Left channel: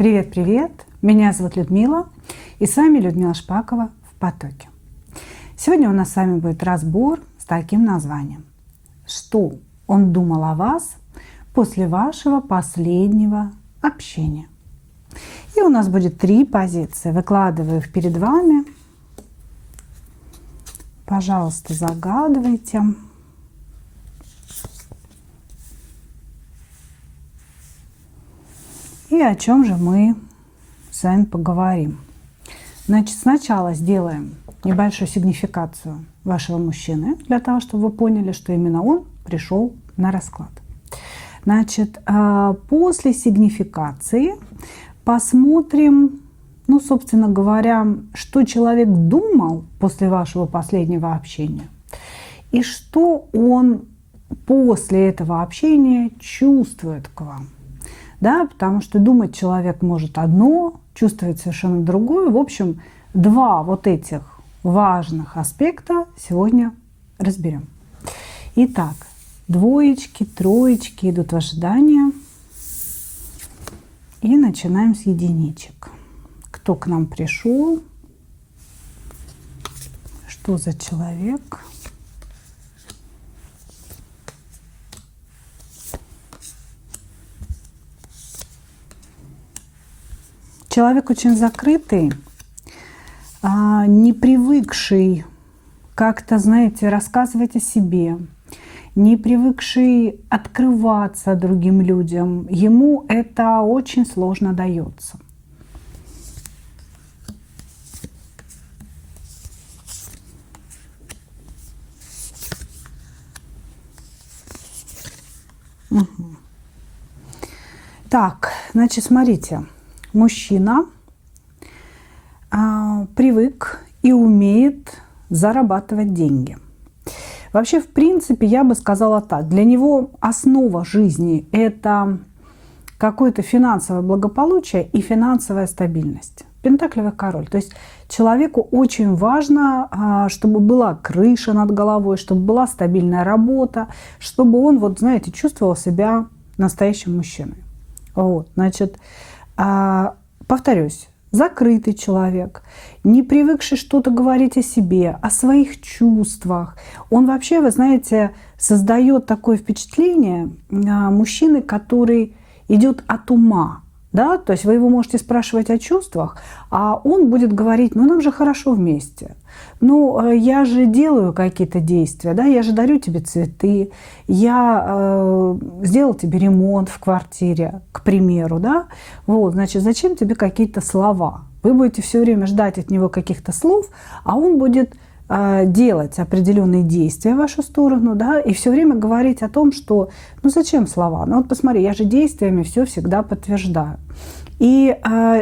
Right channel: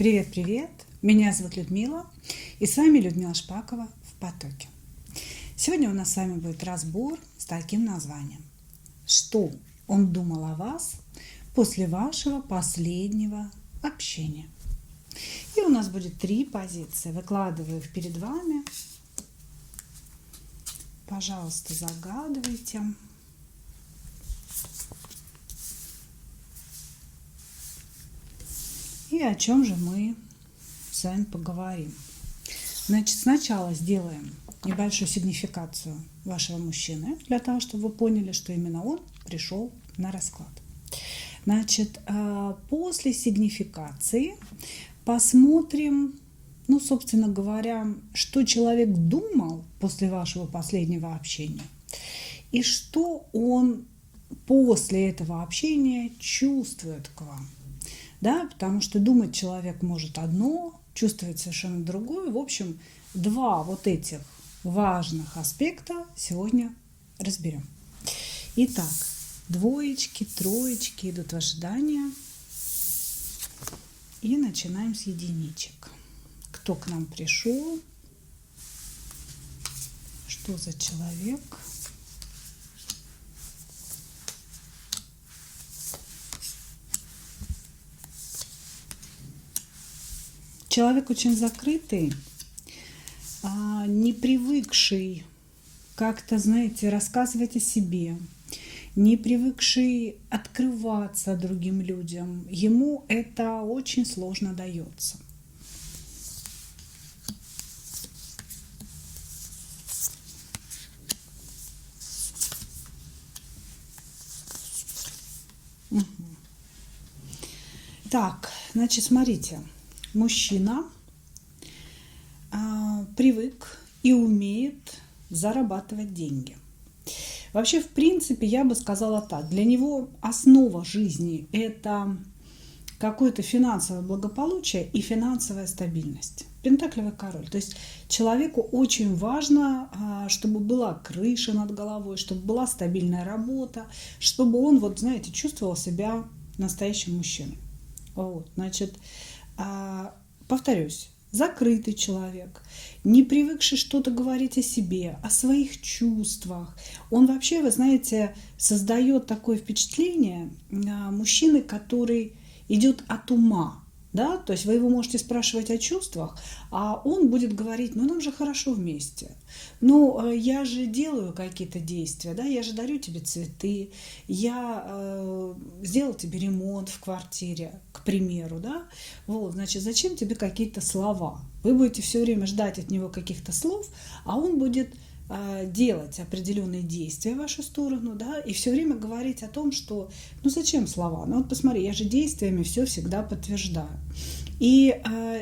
Привет-привет! Меня зовут Людмила, и с вами Людмила Шпакова в потоке. Сегодня у нас с вами будет разбор с таким названием: что он думал о вас после вашего последнего общения. И у нас будет 3 позиции. Выкладываю их перед вами. Пожалуйста, загадывайте. И о чем же мы с вами поговорим. Значит, сначала сделаем небольшую сигнификацию вашего мужчины, для того, чтобы вы поняли, что именно он пришел на расклад. Значит, после сигнификации посмотрим, собственно говоря, что человек думал после вашего последнего общения и что он после этого общения чувствует к вам. Да, потому что думать человек может одно, чувствовать совершенно другое. В общем, 2 вот этих важных аспекта сегодня разберем. Итак, 2, 3 идут в ожидание. И начинаем с единичек. Кто к нам пришел? Что за человек? Человек очень закрытый, не привыкший как-то, знаете, рассказывать о себе, не привыкший открываться другим людям. Ему это очень сложно дается. Угу. Так, значит, смотрите. Мужчина привык и умеет зарабатывать деньги. Вообще, в принципе, я бы сказала так. Для него основа жизни – это какое-то финансовое благополучие и финансовая стабильность. Пентаклевый король. То есть человеку очень важно, чтобы была крыша над головой, чтобы была стабильная работа, чтобы он, вот знаете, чувствовал себя настоящим мужчиной. Вот, значит, повторюсь, закрытый человек, не привыкший что-то говорить о себе, о своих чувствах. Он вообще, вы знаете, создает такое впечатление мужчины, который идет от ума. Да? То есть вы его можете спрашивать о чувствах, а он будет говорить: нам же хорошо вместе. Я же делаю какие-то действия, да? Я же дарю тебе цветы, я сделал тебе ремонт в квартире, к примеру. Да? Вот, значит, зачем тебе какие-то слова? Вы будете все время ждать от него каких-то слов, а он будет делать определенные действия в вашу сторону, да, и все время говорить о том, что зачем слова? Вот посмотри, я же действиями все всегда подтверждаю. И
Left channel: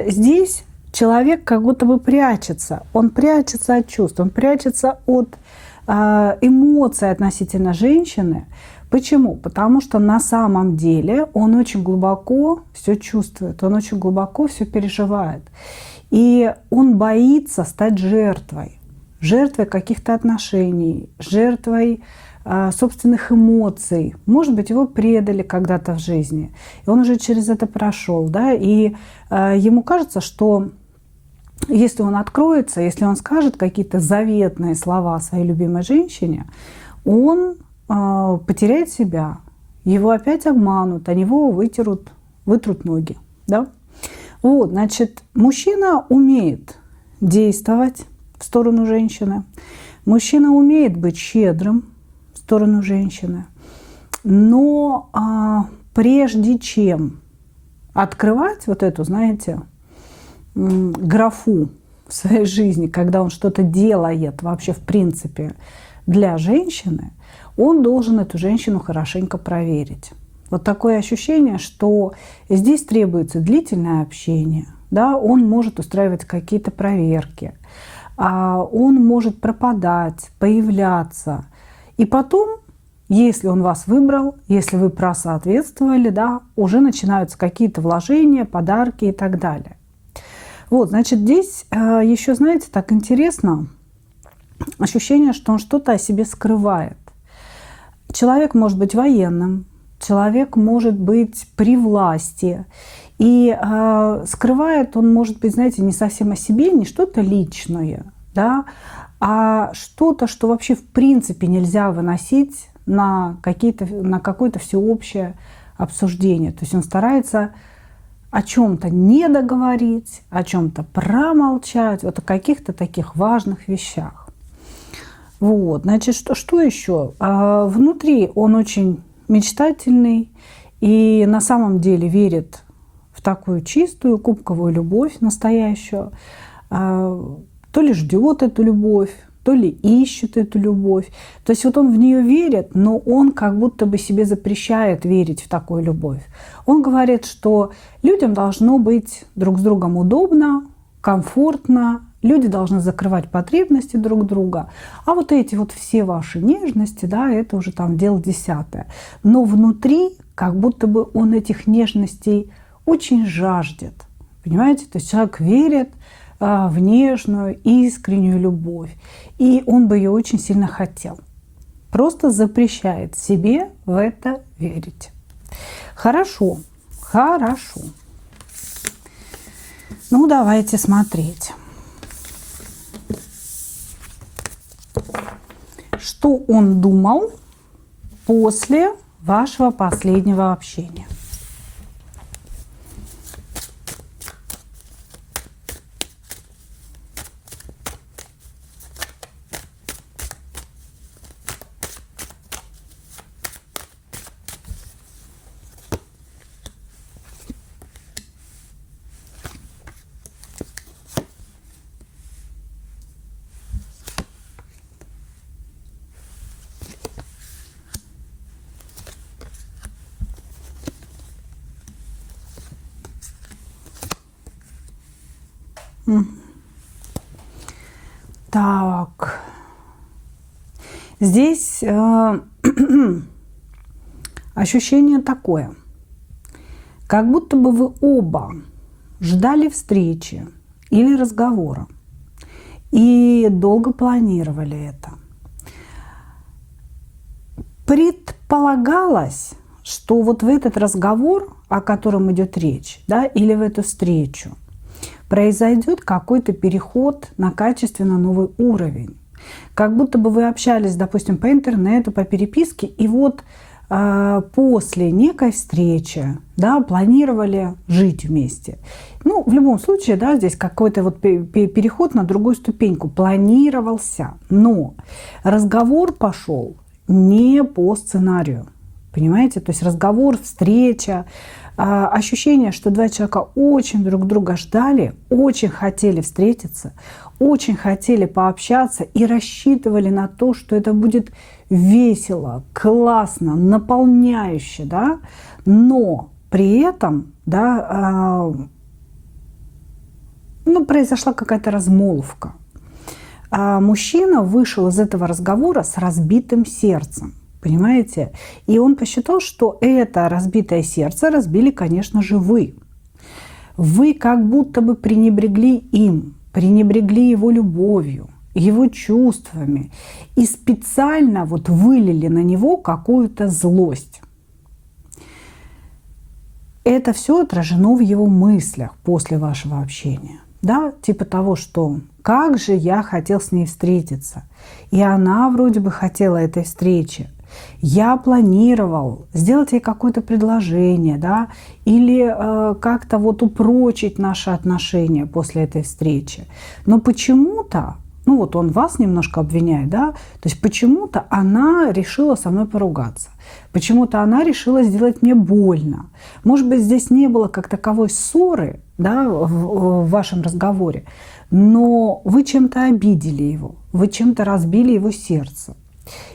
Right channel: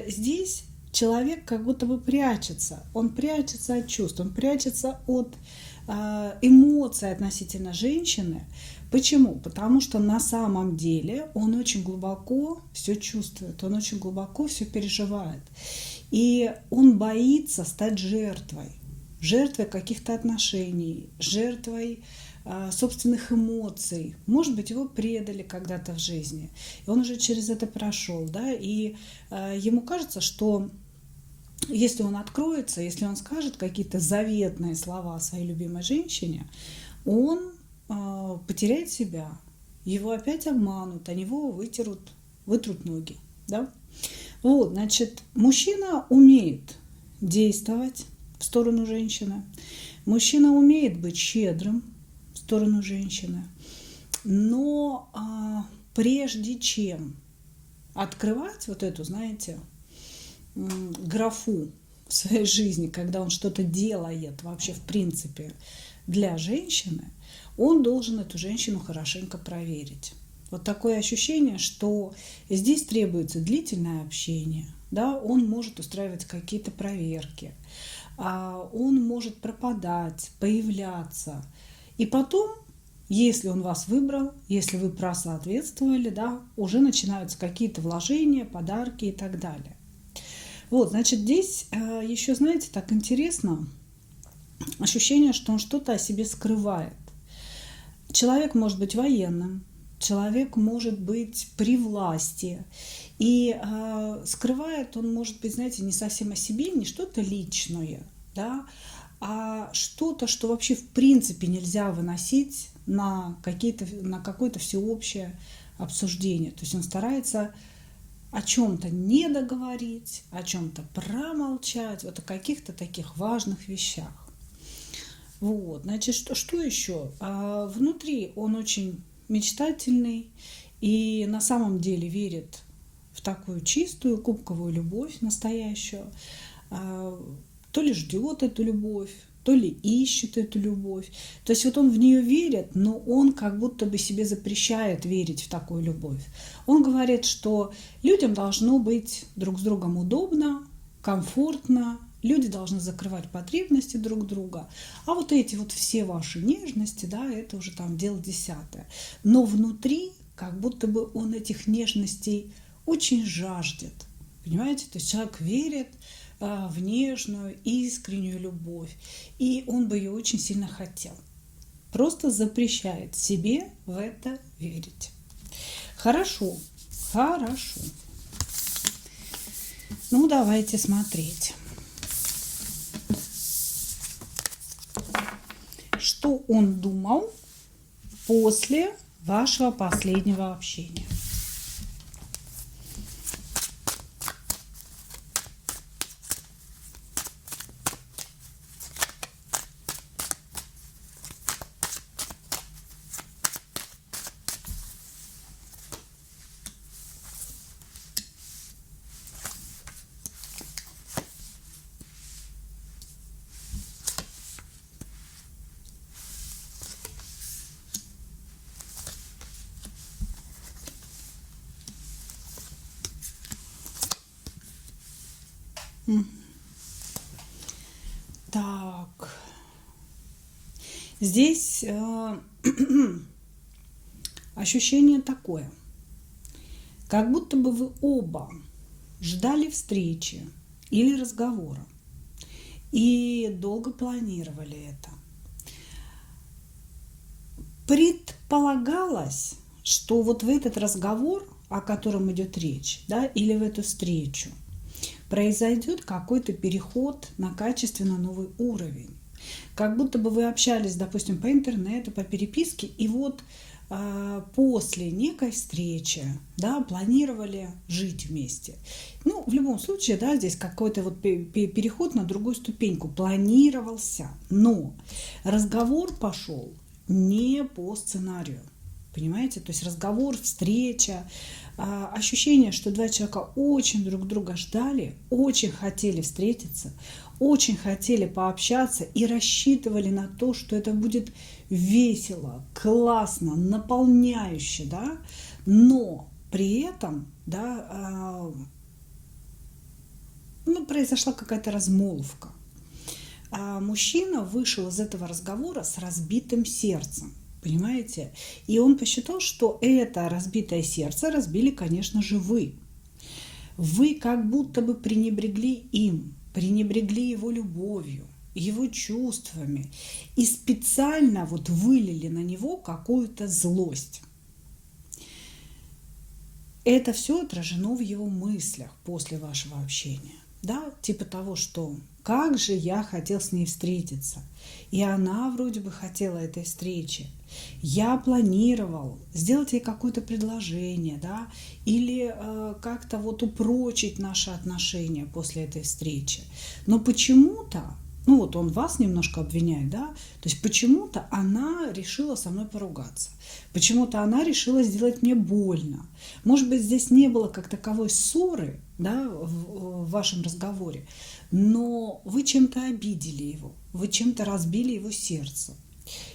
здесь человек как будто бы прячется. Он прячется от чувств, он прячется от эмоций относительно женщины. Почему? Потому что на самом деле он очень глубоко все чувствует, он очень глубоко все переживает. И он боится стать жертвой каких-то отношений, жертвой собственных эмоций. Может быть, его предали когда-то в жизни, и он уже через это прошел, да, и ему кажется, что если он откроется, если он скажет какие-то заветные слова своей любимой женщине, он потеряет себя, его опять обманут, о него вытрут ноги, да. Вот, значит, мужчина умеет действовать в сторону женщины. Мужчина умеет быть щедрым в сторону женщины. Но прежде чем открывать вот эту, знаете, графу в своей жизни, когда он что-то делает вообще в принципе для женщины, он должен эту женщину хорошенько проверить. Вот такое ощущение, что здесь требуется длительное общение. Да? Он может устраивать какие-то проверки. Он может пропадать, появляться. И потом, если он вас выбрал, если вы просоответствовали, да, уже начинаются какие-то вложения, подарки и так далее. Вот, значит, здесь еще, знаете, так интересно, ощущение, что он что-то о себе скрывает. Человек может быть военным, человек может быть при власти. И скрывает он, может быть, знаете, не совсем о себе, не что-то личное, да, а что-то, что вообще в принципе нельзя выносить на какое-то всеобщее обсуждение. То есть он старается о чем-то не договорить, о чем-то промолчать, вот о каких-то таких важных вещах. Вот, значит, что еще? Внутри он очень мечтательный и на самом деле верит в такую чистую кубковую любовь настоящую. То ли ждет эту любовь, то ли ищет эту любовь. То есть вот он в нее верит, но он как будто бы себе запрещает верить в такую любовь. Он говорит, что людям должно быть друг с другом удобно, комфортно, люди должны закрывать потребности друг друга, а вот эти вот все ваши нежности, да, это уже там дело десятое. Но внутри как будто бы он этих нежностей очень жаждет, понимаете? То есть человек верит в нежную, искреннюю любовь, и он бы ее очень сильно хотел. Просто запрещает себе в это верить. Хорошо, хорошо. Ну, давайте смотреть. Что он думал после вашего последнего общения? Так, здесь ощущение такое, как будто бы вы оба ждали встречи или разговора и долго планировали это. Предполагалось, что вот в этот разговор, о котором идет речь, да, или в эту встречу, произойдет какой-то переход на качественно новый уровень. Как будто бы вы общались, допустим, по интернету, по переписке, и вот после некой встречи, да, планировали жить вместе. Ну, в любом случае, да, здесь какой-то вот переход на другую ступеньку планировался, но разговор пошел не по сценарию, понимаете? То есть разговор, встреча, ощущение, что два человека очень друг друга ждали, очень хотели встретиться, очень хотели пообщаться и рассчитывали на то, что это будет весело, классно, наполняюще, да, но при этом, да, ну, произошла какая-то размолвка. Мужчина вышел из этого разговора с разбитым сердцем. Понимаете? И он посчитал, что это разбитое сердце разбили, конечно же, вы. Вы как будто бы пренебрегли им, пренебрегли его любовью, его чувствами и специально вот вылили на него какую-то злость. Это все отражено в его мыслях после вашего общения. Да, типа того, что как же я хотел с ней встретиться. И она вроде бы хотела этой встречи. Я планировал сделать ей какое-то предложение, да, или как-то вот упрочить наши отношения после этой встречи. Но почему-то, ну вот он вас немножко обвиняет, да, то есть почему-то она решила со мной поругаться. Почему-то она решила сделать мне больно. Может быть, здесь не было как таковой ссоры, да, в вашем разговоре, но вы чем-то обидели его, вы чем-то разбили его сердце.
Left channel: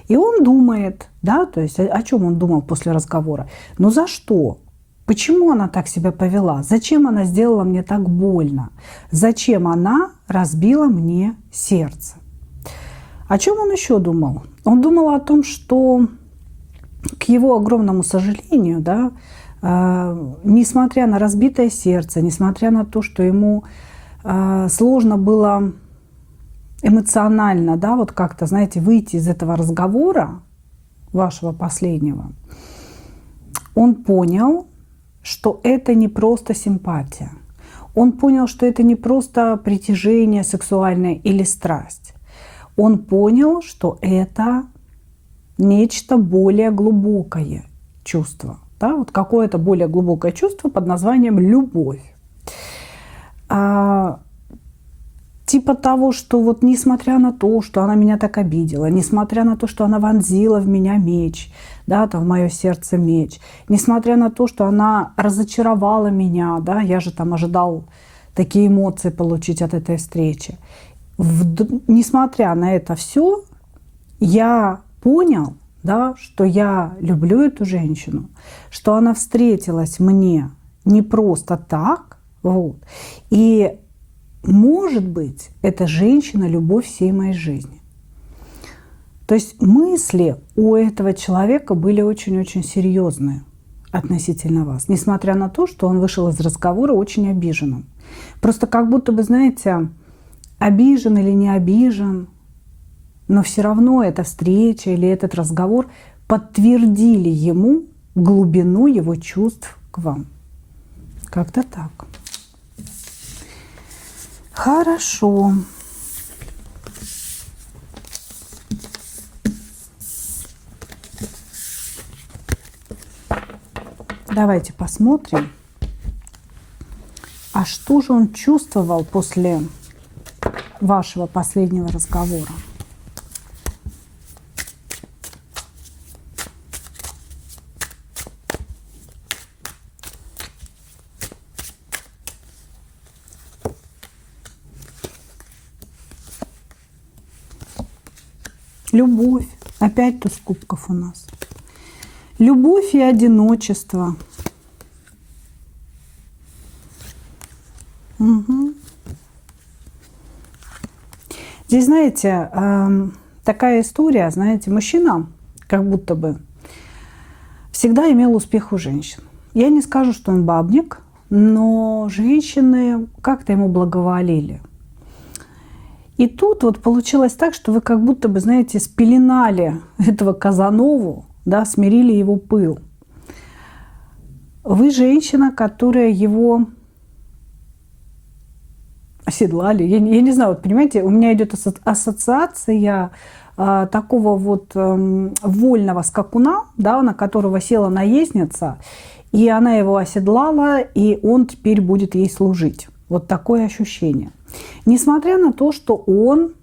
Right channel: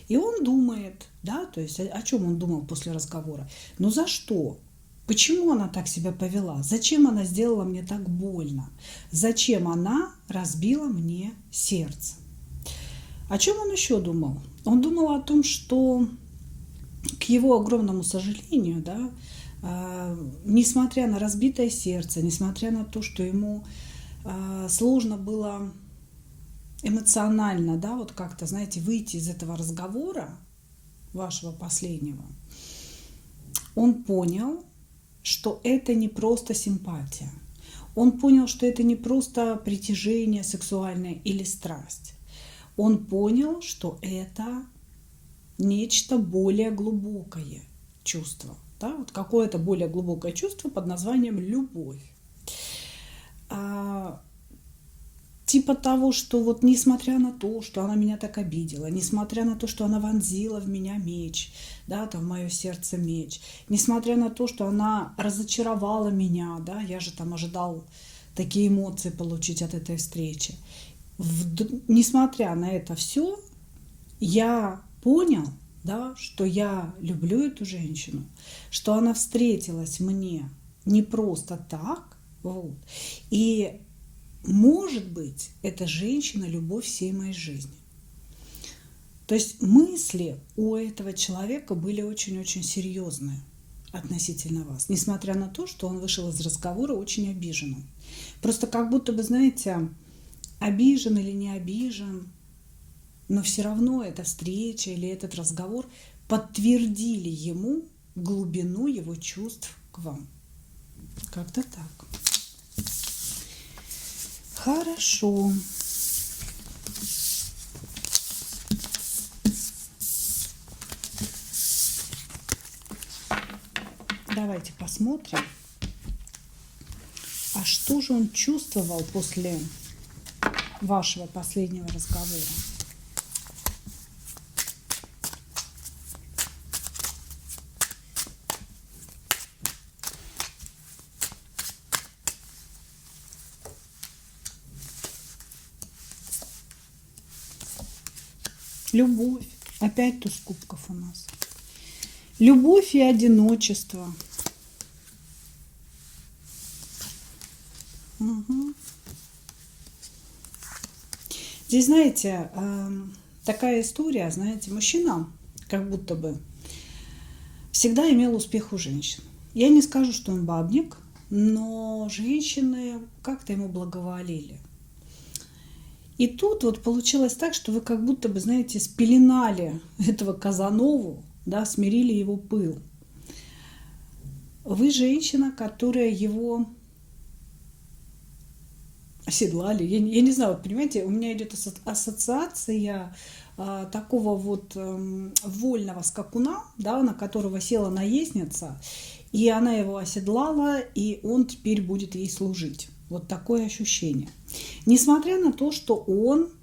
И он думает, да, то есть о чем он думал после разговора? Ну за что? Почему она так себя повела? Зачем она сделала мне так больно? Зачем она разбила мне сердце? О чем он еще думал? Он думал о том, что, к его огромному сожалению, да, несмотря на разбитое сердце, несмотря на то, что ему сложно было эмоционально, да, вот как-то, знаете, выйти из этого разговора вашего последнего, он понял, что это не просто симпатия. Он понял, что это не просто притяжение сексуальное или страсть. Он понял, что это нечто более глубокое чувство. Да? Вот какое-то более глубокое чувство под названием любовь. Типа того, что вот несмотря на то, что она меня так обидела, несмотря на то, что она вонзила в меня меч, да, там в мое сердце меч, несмотря на то, что она разочаровала меня, да, я же там ожидал такие эмоции получить от этой встречи. Несмотря на это все, я понял, да, что я люблю эту женщину, что она встретилась мне не просто так, вот, и может быть, эта женщина — любовь всей моей жизни. То есть мысли у этого человека были очень-очень серьезные относительно вас, несмотря на то, что он вышел из разговора очень обиженным. Просто как будто бы, знаете, обижен или не обижен, но все равно эта встреча или этот разговор подтвердили ему глубину его чувств к вам. Как-то так. Хорошо. Давайте посмотрим, а что же он чувствовал после вашего последнего разговора. Любовь. Опять туз кубков у нас. Любовь и одиночество. Угу. Здесь, знаете, такая история, знаете, мужчина как будто бы всегда имел успех у женщин. Я не скажу, что он бабник, но женщины как-то ему благоволили. И тут вот получилось так, что вы как будто бы, знаете, спеленали этого Казанову, да, смирили его пыл. Вы женщина, которая его оседлали. Я не знаю, вот понимаете, у меня идет ассоциация такого вот вольного скакуна, да, на которого села наездница, и она его оседлала, и он теперь будет ей служить. Вот такое ощущение. Несмотря на то, что он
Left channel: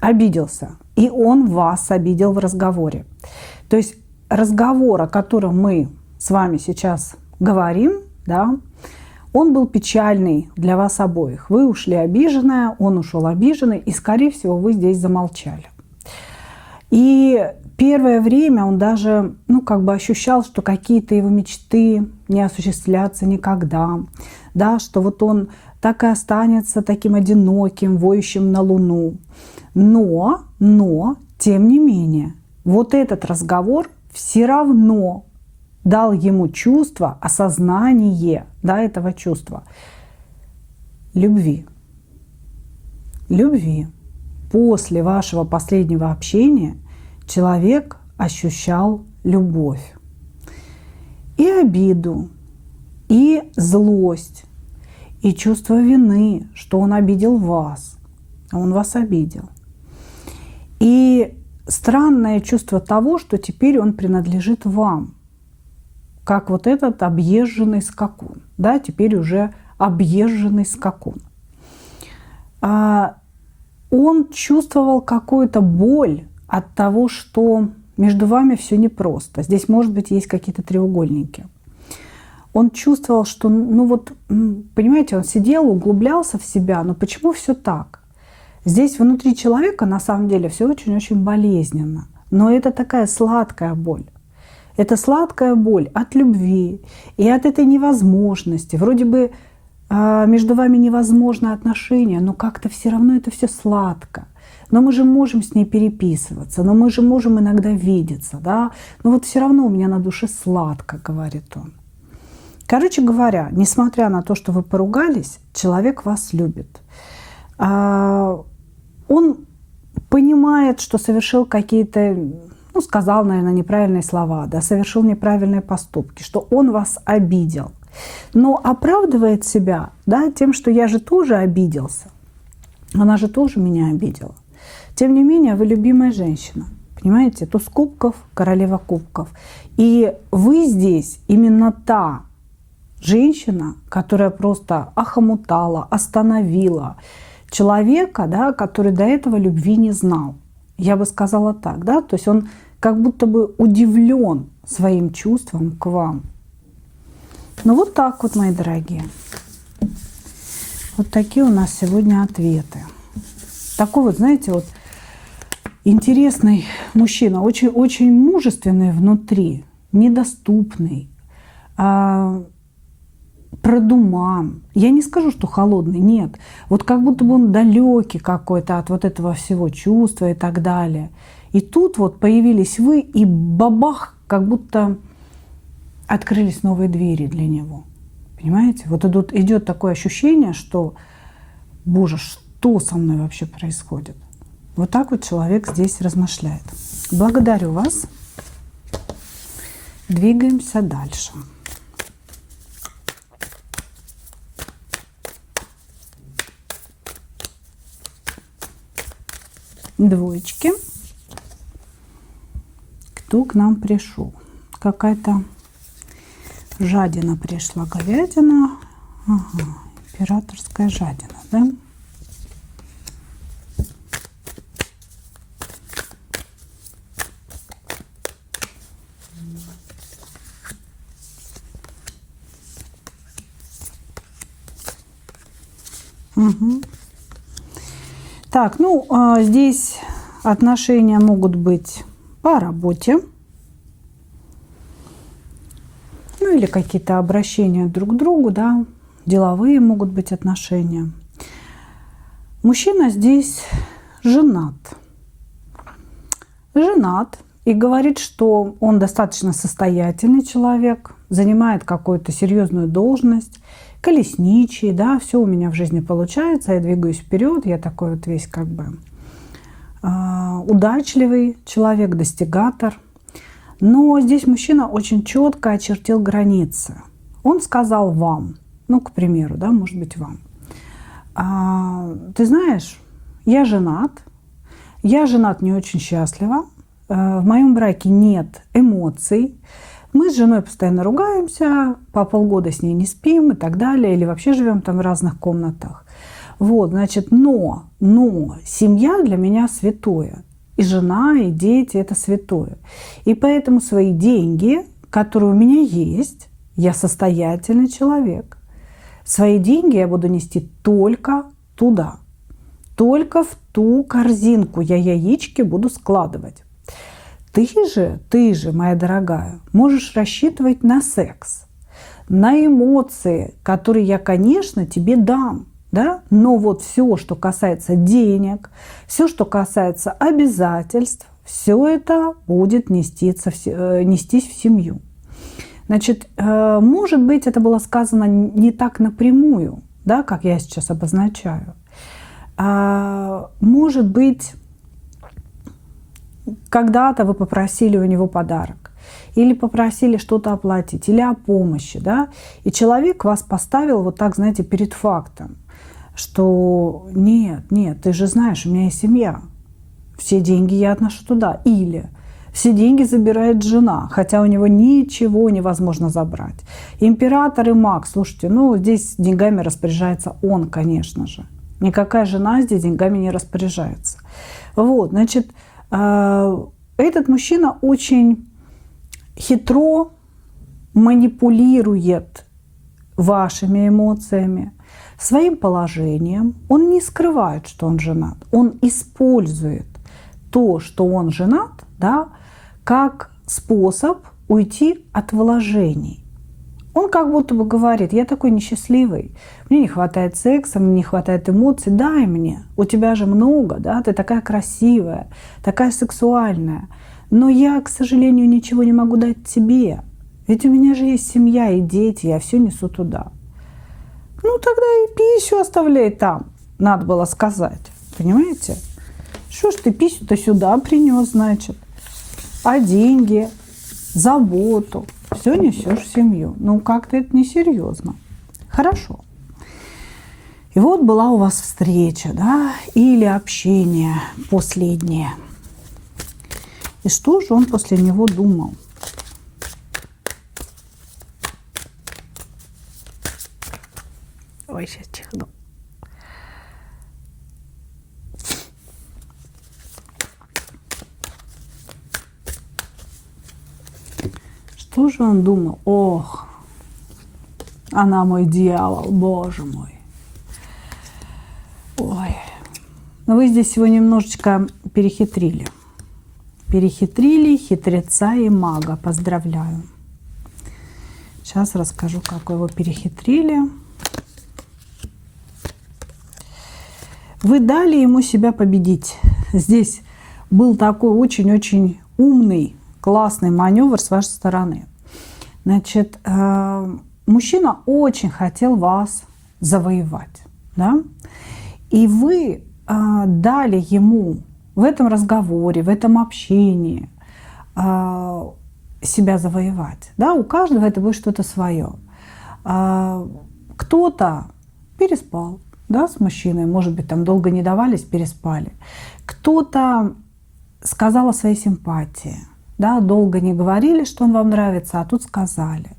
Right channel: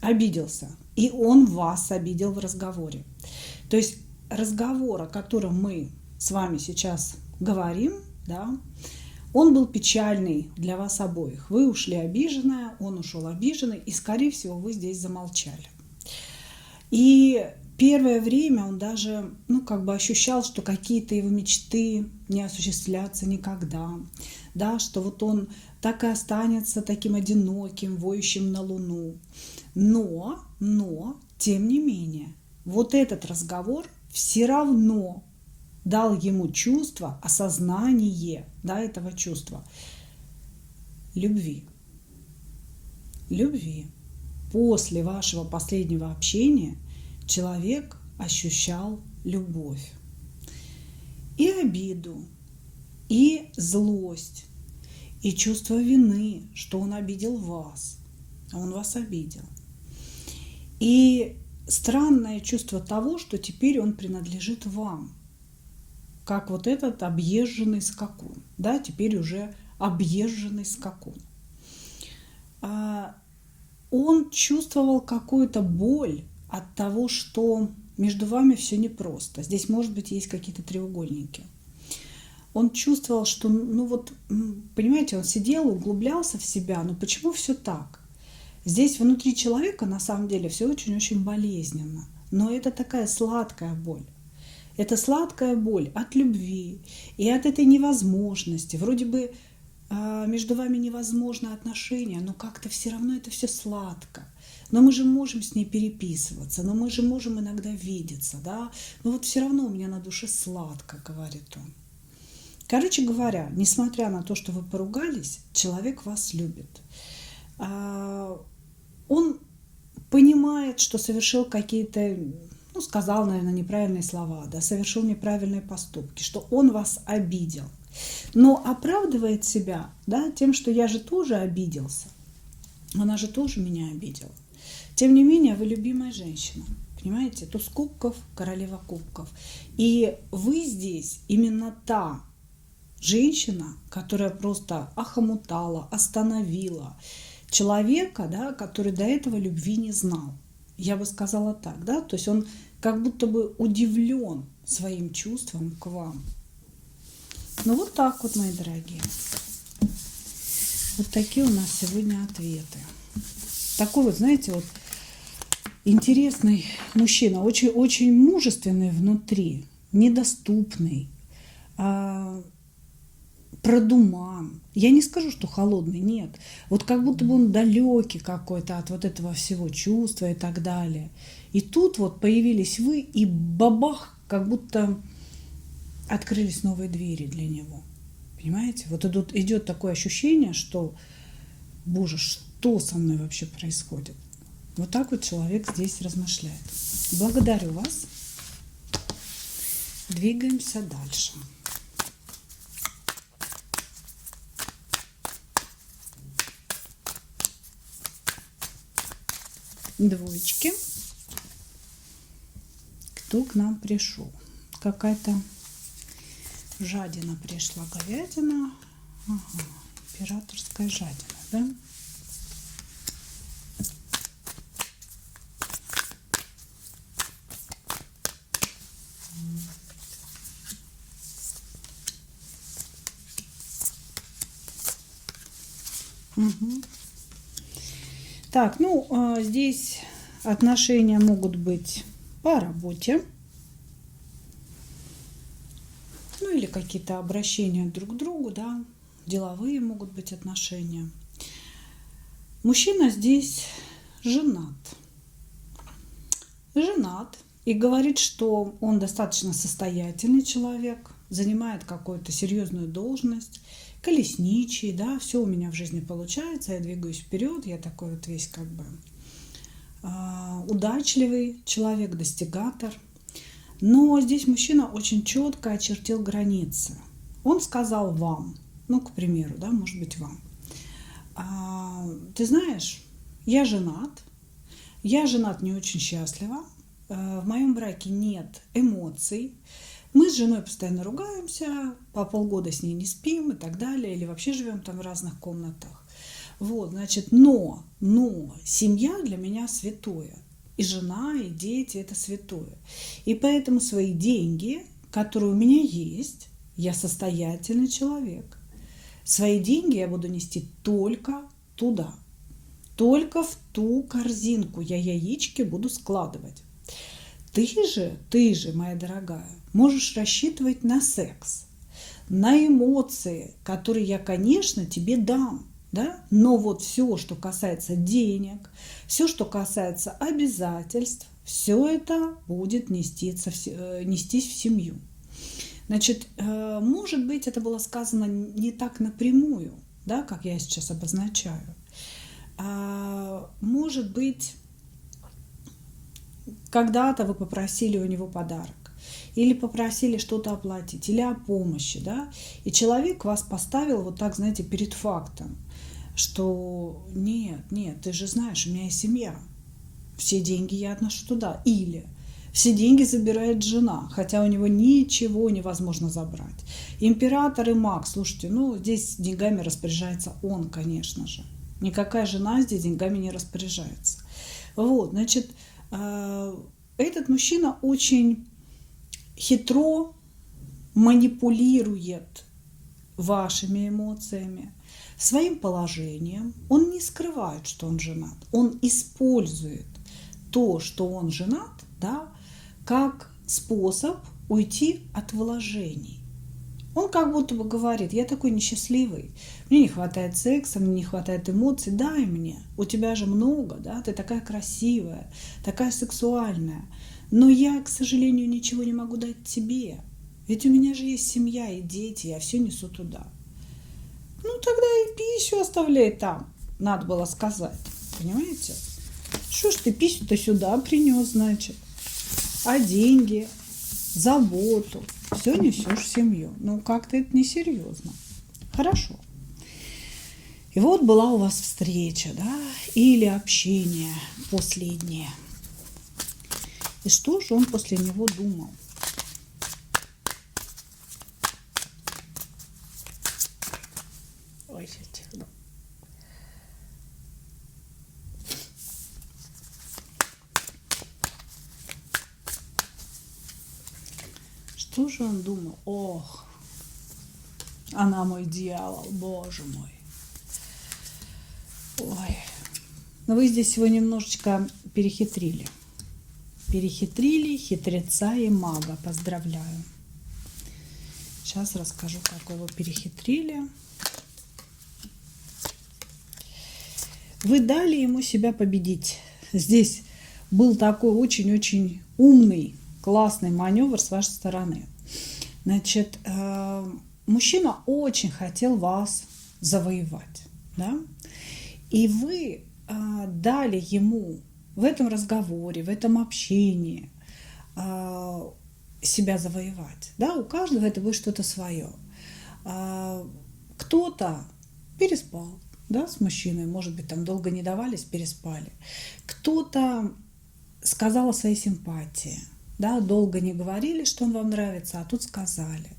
обиделся, и он вас обидел в разговоре. То есть разговор, о котором мы с вами сейчас говорим, да, он был печальный для вас обоих. Вы ушли обиженная, он ушел обиженный, и, скорее всего, вы здесь замолчали. И первое время он даже, как бы ощущал, что какие-то его мечты не осуществлятся никогда, да, что вот он так и останется таким одиноким, воющим на луну. Но, тем не менее, вот этот разговор все равно дал ему чувство, осознание, да, этого чувства любви. Любви. После вашего последнего общения человек ощущал любовь. И обиду, и злость, и чувство вины, что он обидел вас, а он вас обидел. И странное чувство того, что теперь он принадлежит вам, как вот этот объезженный скакун, да, теперь уже объезженный скакун. Он чувствовал какую-то боль от того, что между вами все непросто. Здесь, может быть, есть какие-то треугольники. Он чувствовал, что, понимаете, он сидел, углублялся в себя, но почему все так? Здесь внутри человека на самом деле все очень-очень болезненно. Но это такая сладкая боль. Это сладкая боль от любви и от этой невозможности. Вроде бы между вами невозможно отношения, но как-то все равно это все сладко. Но мы же можем с ней переписываться, но мы же можем иногда видеться, да? Но вот все равно у меня на душе сладко, говорит он. Короче говоря, несмотря на то, что вы поругались, человек вас любит. Он понимает, что совершил какие-то, сказал, наверное, неправильные слова, да, совершил неправильные поступки, что он вас обидел. Но оправдывает себя, да, тем, что я же тоже обиделся. Она же тоже меня обидела. Тем не менее, вы любимая женщина. Понимаете? Туз кубков, королева кубков. И вы здесь именно та женщина, которая просто охомутала, остановила человека, да, который до этого любви не знал. Я бы сказала так, да, то есть он как будто бы удивлен своим чувством к вам. Ну вот так вот, мои дорогие. Вот такие у нас сегодня ответы. Такой вот, знаете, вот интересный мужчина, очень мужественный внутри, недоступный, продуман. Я не скажу, что холодный, нет. Вот как будто бы он далекий какой-то от вот этого всего чувства и так далее. И тут вот появились вы, и бабах, как будто открылись новые двери для него. Понимаете? Вот идет такое ощущение, что, боже, что со мной вообще происходит? Вот так вот человек здесь размышляет. Благодарю вас. Двигаемся дальше. Двоечки. Кто к нам пришел? Какая-то жадина пришла, говядина. Ага, императорская жадина, да? Угу. Так, ну, здесь отношения могут быть по работе. Ну, или какие-то обращения друг к другу, да. Деловые могут быть отношения. Мужчина здесь женат. Женат и говорит, что он достаточно состоятельный человек, занимает какую-то серьезную должность, колесничий, да, все у меня в жизни получается, я двигаюсь вперед, я такой вот весь как бы удачливый человек, достигатор. Но здесь мужчина очень четко очертил границы. Он сказал вам, ну, к примеру, да, может быть, вам: ты знаешь, я женат не очень счастливо, в моем браке нет эмоций, мы с женой постоянно ругаемся, по полгода с ней не спим и так далее, или вообще живем там в разных комнатах. Вот, значит, но семья для меня святое. И жена, и дети – это святое. И поэтому свои деньги, которые у меня есть, я состоятельный человек, свои деньги я буду нести только туда, только в ту корзинку я яички буду складывать. Ты же, моя дорогая, можешь рассчитывать на секс, на эмоции, которые я, конечно, тебе дам, да? Но вот все, что касается денег, все, что касается обязательств, все это будет нестись в семью. Значит, может быть, это было сказано не так напрямую, да, как я сейчас обозначаю. Может быть, когда-то вы попросили у него подарок, или попросили что-то оплатить, или о помощи, да, и человек вас поставил вот так, знаете, перед фактом, что нет, ты же знаешь, у меня есть семья, все деньги я отношу туда, или все деньги забирает жена, хотя у него ничего невозможно забрать. Император и маг, слушайте, ну здесь деньгами распоряжается он, конечно же, никакая жена здесь деньгами не распоряжается. Вот, значит, этот мужчина очень хитро манипулирует вашими эмоциями, своим положением. Он не скрывает, что он женат. Он использует то, что он женат, да, как способ уйти от вложений. Он как будто бы говорит: я такой несчастливый, мне не хватает секса, мне не хватает эмоций, дай мне, у тебя же много, да, ты такая красивая, такая сексуальная, но я, к сожалению, ничего не могу дать тебе, ведь у меня же есть семья и дети, я все несу туда. Ну тогда и писю оставляй там, надо было сказать, понимаете? Что ж ты писю-то сюда принес, значит, а деньги, заботу, Все несешь в семью. Ну, как-то это несерьезно. Хорошо. И вот была у вас встреча, да, или общение последнее. И что же он после него думал? Ой, сейчас чихну. Что же он думал? Ох, она мой дьявол, боже мой. Ой. Но вы здесь его немножечко перехитрили. Перехитрили хитреца и мага. Поздравляю. Сейчас расскажу, как вы его перехитрили. Вы дали ему себя победить. Здесь был такой очень-очень умный, классный маневр с вашей стороны. Значит, мужчина очень хотел вас завоевать, да? И вы дали ему в этом разговоре, в этом общении себя завоевать. Да? У каждого это будет что-то свое. Кто-то переспал, да, с мужчиной, может быть, там долго не давались, переспали. Кто-то сказал о своей симпатии. Да, долго не говорили, что он вам нравится, а тут сказали.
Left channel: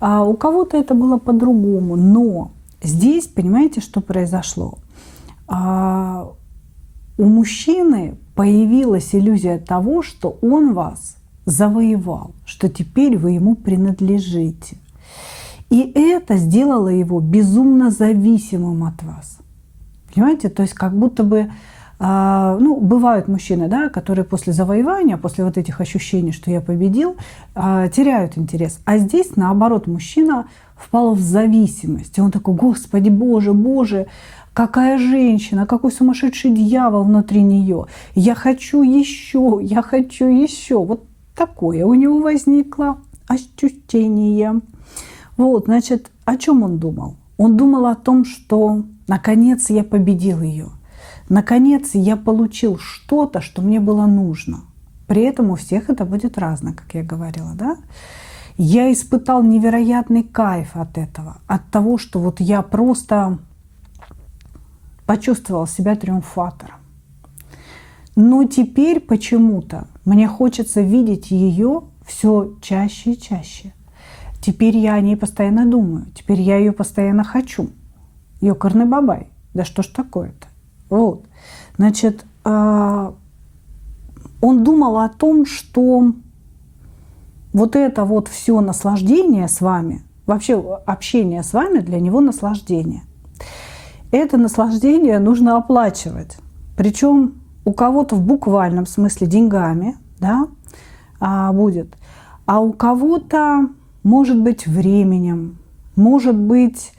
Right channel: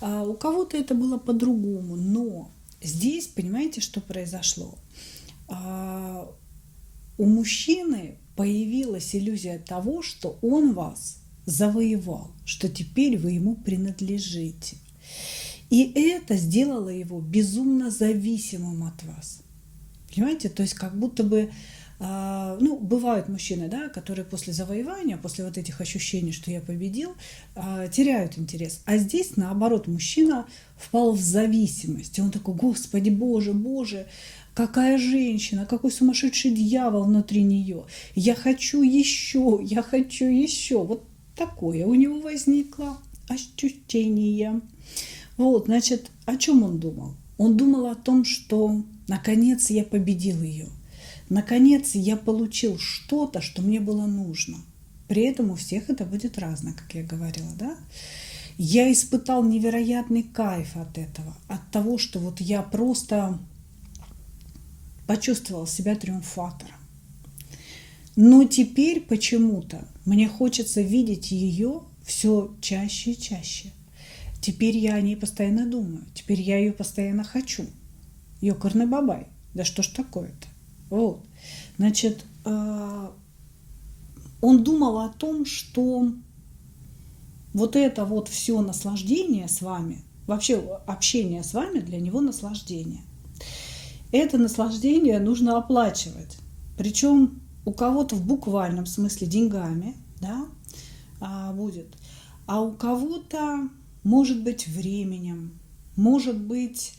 У кого-то это было по-другому, но здесь, понимаете, что произошло? У мужчины появилась иллюзия того, что он вас завоевал, что теперь вы ему принадлежите. И это сделало его безумно зависимым от вас. Понимаете? То есть как будто бы ну, бывают мужчины, да, которые после завоевания, после вот этих ощущений, что я победил, теряют интерес. А здесь, наоборот, мужчина впал в зависимость. И он такой: Господи, Боже, Боже, какая женщина, какой сумасшедший дьявол внутри нее. Я хочу еще, я хочу еще. Вот такое у него возникло ощущение. Вот, значит, о чем он думал? Он думал о том, что наконец я победил ее. Наконец я получил что-то, что мне было нужно. При этом у всех это будет разно, как я говорила, да? Я испытал невероятный кайф от этого, от того, что вот я просто почувствовал себя триумфатором. Но теперь почему-то мне хочется видеть ее все чаще и чаще. Теперь я о ней постоянно думаю, теперь я ее постоянно хочу. Ёкарный бабай, да что ж такое-то? Вот. Значит, он думал о том, что вот это вот все наслаждение с вами, вообще общение с вами для него наслаждение. Это наслаждение нужно оплачивать. Причем у кого-то в буквальном смысле деньгами, да, будет, а у кого-то, может быть, временем, может быть,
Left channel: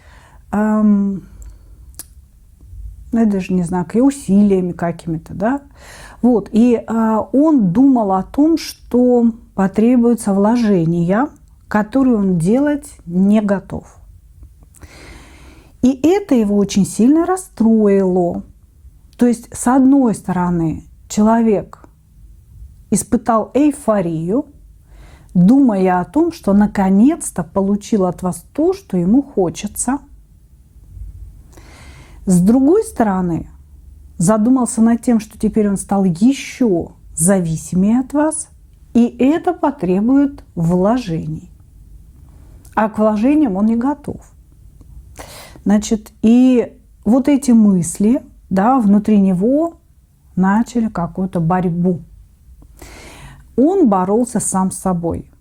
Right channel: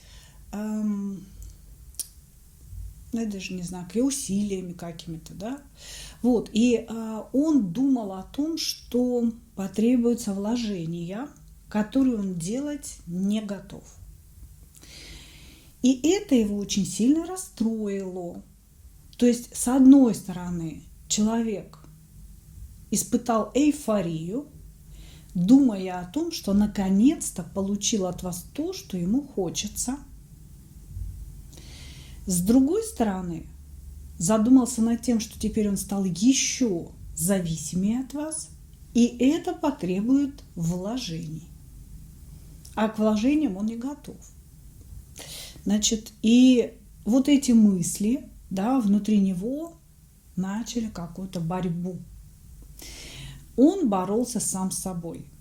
я даже не знаю, и усилиями какими-то, да. Вот. И он думал о том, что потребуются вложения, которые он делать не готов. И это его очень сильно расстроило. То есть, с одной стороны, человек испытал эйфорию, думая о том, что наконец-то получил от вас то, что ему хочется. С другой стороны, задумался над тем, что теперь он стал еще зависимее от вас, и это потребует вложений. А к вложениям он не готов. Значит, и вот эти мысли, да, внутри него начали какую-то борьбу. Он боролся сам с собой.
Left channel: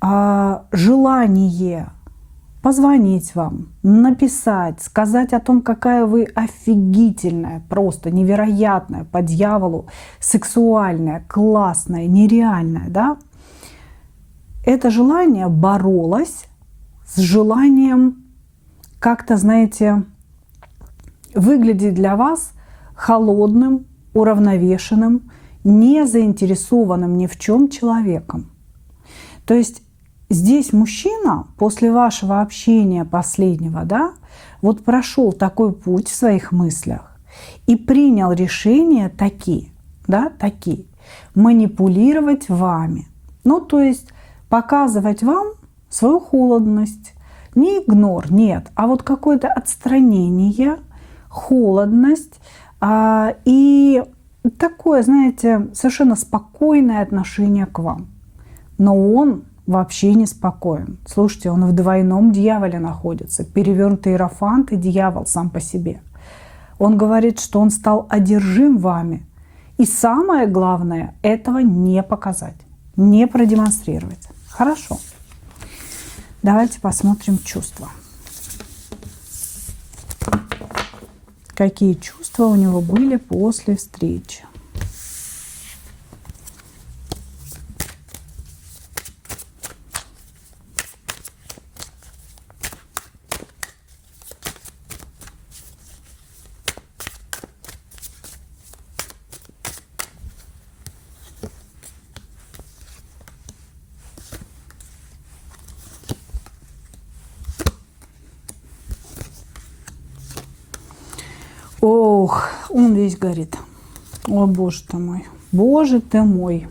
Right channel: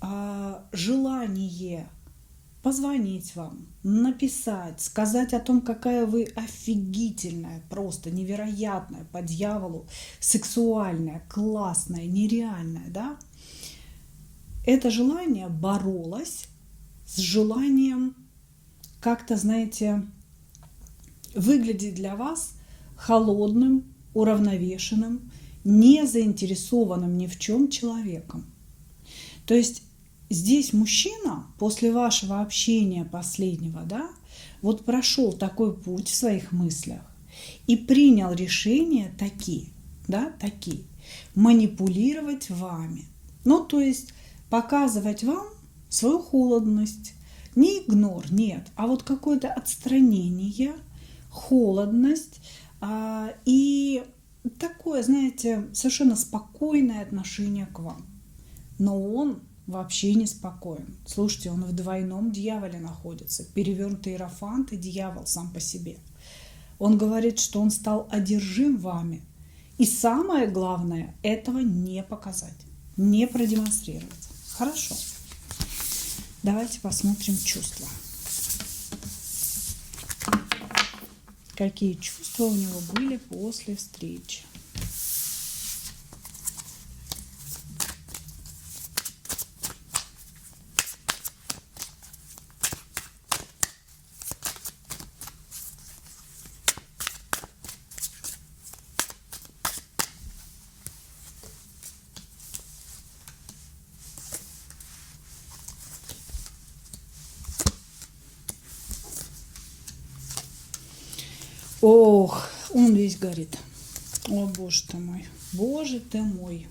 Желание позвонить вам, написать, сказать о том, какая вы офигительная, просто невероятная, по дьяволу, сексуальная, классная, нереальная, да? Это желание боролось с желанием как-то, знаете, выглядеть для вас холодным, уравновешенным, не заинтересованным ни в чем человеком. То есть здесь мужчина после вашего общения последнего, да, вот прошел такой путь в своих мыслях и принял решение такие манипулировать вами. Ну, то есть показывать вам свою холодность. Не игнор, нет, а вот какое-то отстранение, холодность и такое, знаете, совершенно спокойное отношение к вам. Но он вообще не спокоен. Слушайте, он в двойном дьяволе находится. Перевернутый иерофант и дьявол сам по себе. Он говорит, что он стал одержим вами. И самое главное, этого не показать, не продемонстрировать. Хорошо. Давайте посмотрим чувства. Какие чувства у него были после встречи? Ох, он весь горит. О, боже ты мой. Боже ты мой.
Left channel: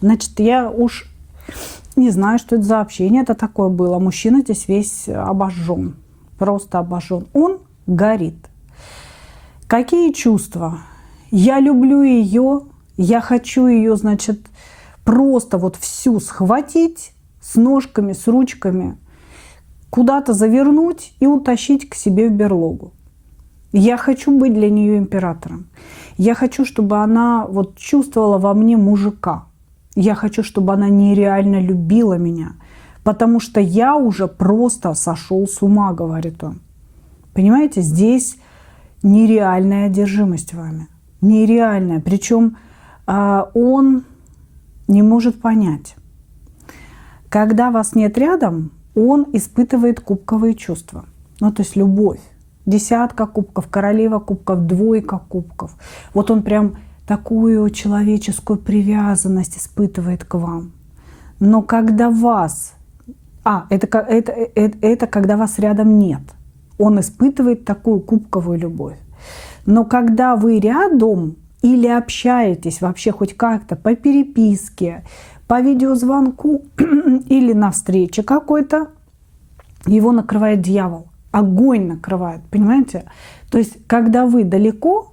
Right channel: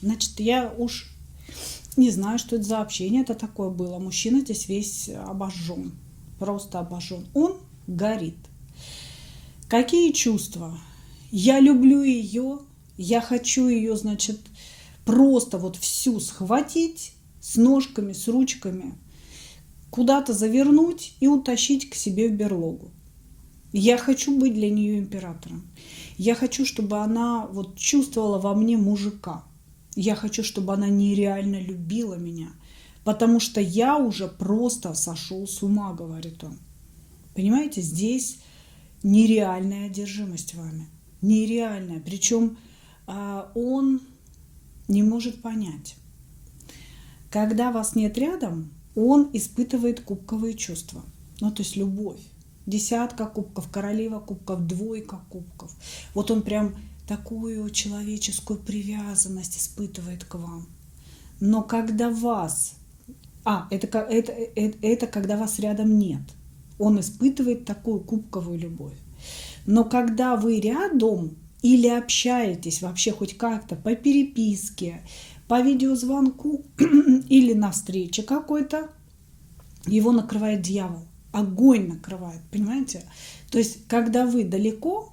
Значит, я уж не знаю, что это за общение это такое было. Мужчина здесь весь обожжен. Просто обожжен. Он горит. Какие чувства? Я люблю ее. Я хочу ее, значит, просто вот всю схватить с ножками, с ручками, куда-то завернуть и утащить к себе в берлогу. Я хочу быть для нее императором. Я хочу, чтобы она вот чувствовала во мне мужика. Я хочу, чтобы она нереально любила меня. Потому что я уже просто сошел с ума, говорит он. Понимаете, здесь нереальная одержимость вами. Нереальная. Причем он не может понять. Когда вас нет рядом, он испытывает кубковые чувства. Ну, то есть любовь. Десятка кубков, королева кубков, двойка кубков. Вот он прям такую человеческую привязанность испытывает к вам. Но когда вас... это когда вас рядом нет. Он испытывает такую кубковую любовь. Но когда вы рядом или общаетесь вообще хоть как-то по переписке, по видеозвонку или на встрече какой-то, его накрывает дьявол. Огонь накрывает, понимаете? То есть, когда вы далеко,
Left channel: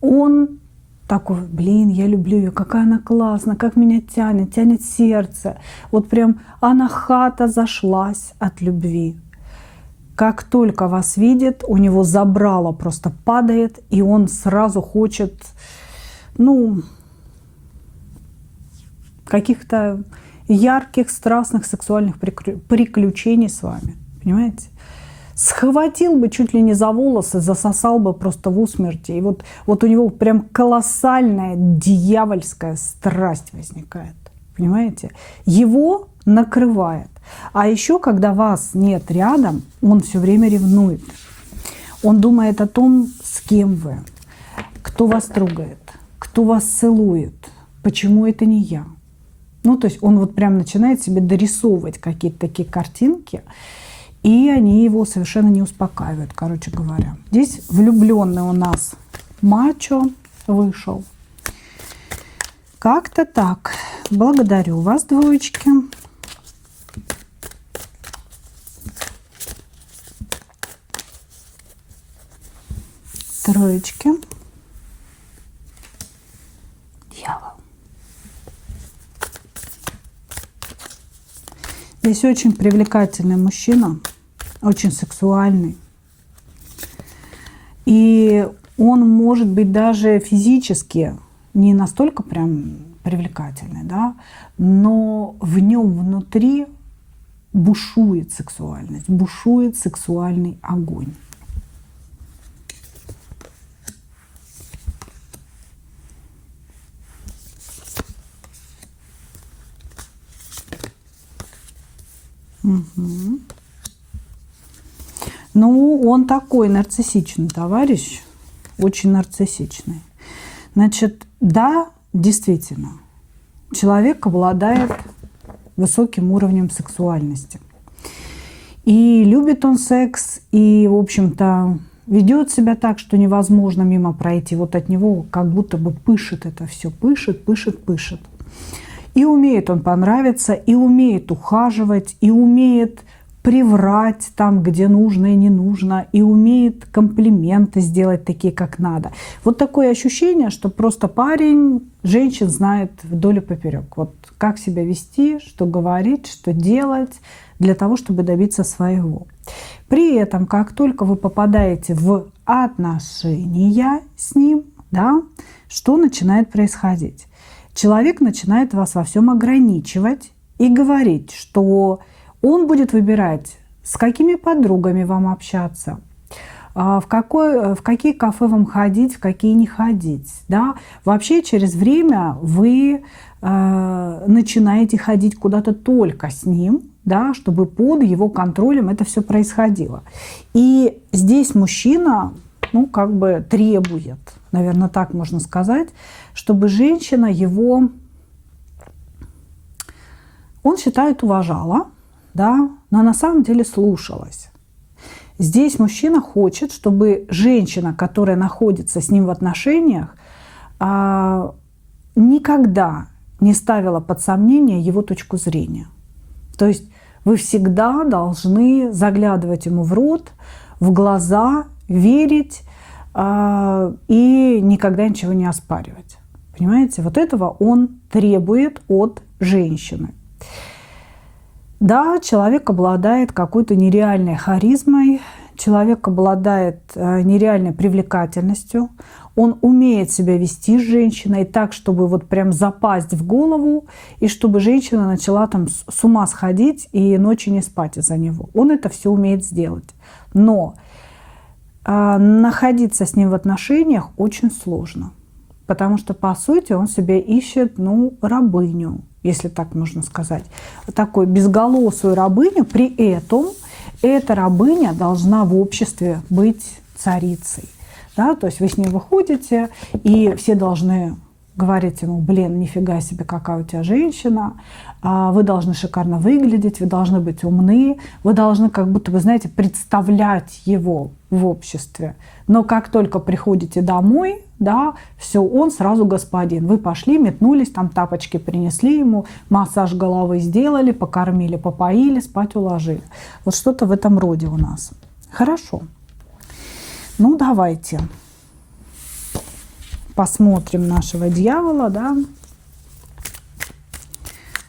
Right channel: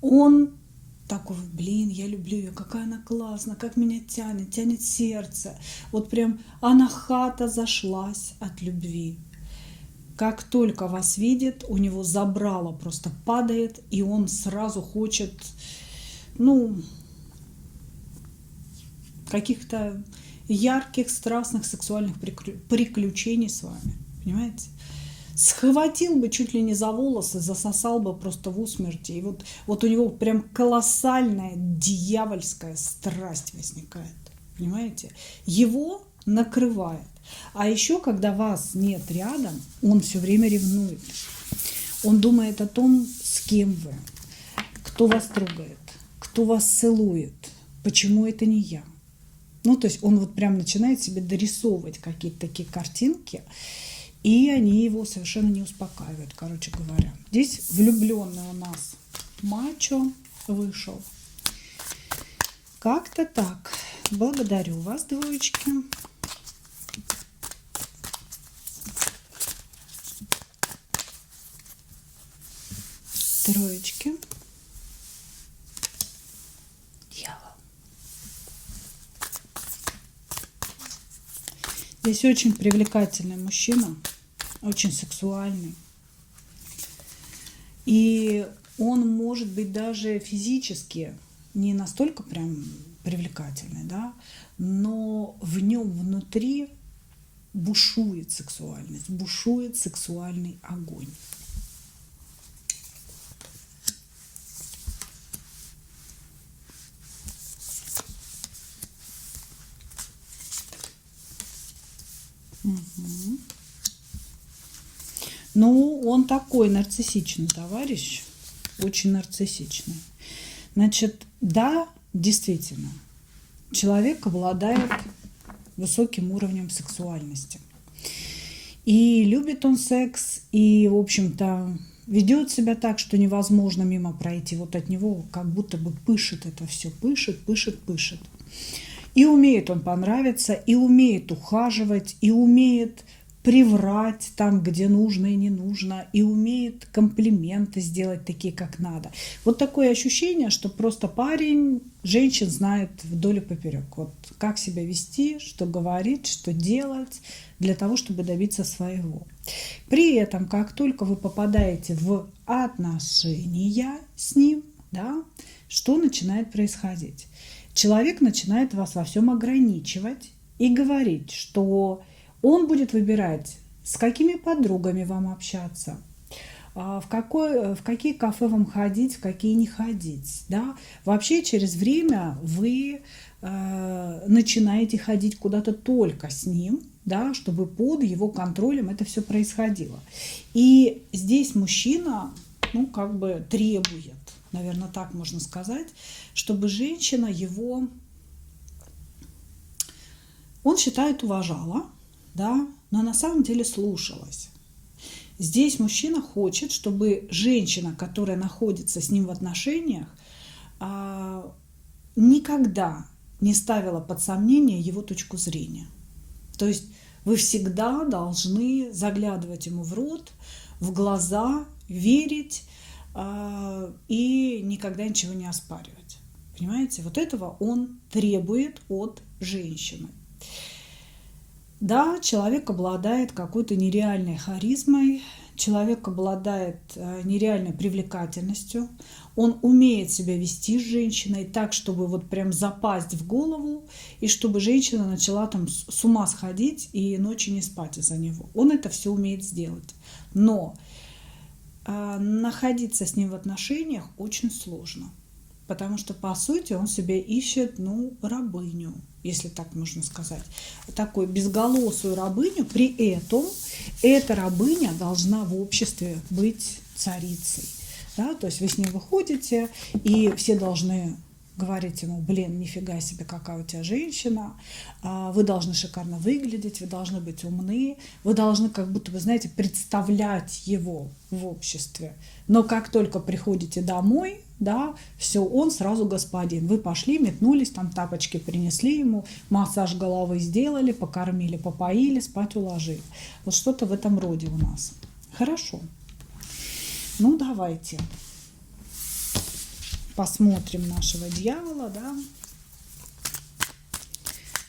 он такой, блин, я люблю ее, какая она классная, как меня тянет, тянет сердце. Вот прям она хата зашлась от любви. Как только вас видит, у него забрало просто падает, и он сразу хочет, ну, каких-то ярких, страстных, сексуальных приключений с вами, понимаете? Схватил бы чуть ли не за волосы, засосал бы просто в усмерти. И вот у него прям колоссальная дьявольская страсть возникает. Понимаете? Его накрывает. А еще, когда вас нет рядом, он все время ревнует. Он думает о том, с кем вы, кто вас трогает, кто вас целует, почему это не я. Ну, то есть он вот прям начинает себе дорисовывать какие-то такие картинки, и они его совершенно не успокаивают, короче говоря. Здесь влюбленный у нас мачо вышел. Как-то так. Благодарю вас, двоечки. Троечки. Дьявол. Здесь очень привлекательный мужчина, очень сексуальный. И он может быть даже физически не настолько прям привлекательный, да, но в нем внутри бушует сексуальность, бушует сексуальный огонь. Угу. Ну, он такой нарциссичный товарищ, очень нарциссичный. Значит, да, действительно, человек обладает высоким уровнем сексуальности. И любит он секс, и, в общем-то, ведет себя так, что невозможно мимо пройти. Вот от него как будто бы пышет это все, пышет, пышет, пышет. И умеет он понравиться, и умеет ухаживать, и умеет приврать там, где нужно и не нужно, и умеет комплименты сделать такие, как надо. Вот такое ощущение, что просто парень женщин знает вдоль и поперек. Вот как себя вести, что говорить, что делать для того, чтобы добиться своего. При этом, как только вы попадаете в отношения с ним, да, что начинает происходить? Человек начинает вас во всем ограничивать и говорить, что он будет выбирать, с какими подругами вам общаться, в какие кафе вам ходить, в какие не ходить. Да? Вообще через время вы начинаете ходить куда-то только с ним, да, чтобы под его контролем это все происходило. И здесь мужчина, ну, как бы требует, наверное, так можно сказать, чтобы женщина его, он считает, уважала, да, но на самом деле слушалась. Здесь мужчина хочет, чтобы женщина, которая находится с ним в отношениях, никогда не ставила под сомнение его точку зрения. То есть вы всегда должны заглядывать ему в рот, в глаза, верить и никогда ничего не оспаривать. Понимаете? Вот этого он требует от женщины. Да, человек обладает какой-то нереальной харизмой, человек обладает нереальной привлекательностью, он умеет себя вести с женщиной так, чтобы вот прям запасть в голову, и чтобы женщина начала там с ума сходить и ночью не спать из-за него. Он это все умеет сделать. Но находиться с ним в отношениях очень сложно. Потому что, по сути, он себя ищет, ну, рабыню, если так можно сказать. Вот такую безголосую рабыню. При этом эта рабыня должна в обществе быть царицей. Да? То есть вы с ней выходите, и все должны говорить ему: блин, нифига себе, какая у тебя женщина, вы должны шикарно выглядеть, вы должны быть умны, вы должны, как будто вы знаете, представлять его в обществе. Но как только приходите домой, да, все, он сразу господин. Вы пошли, метнулись, там тапочки принесли ему, массаж головы сделали, покормили, попоили, спать уложили. Вот что-то в этом роде у нас. Хорошо. Ну, давайте посмотрим нашего дьявола, да,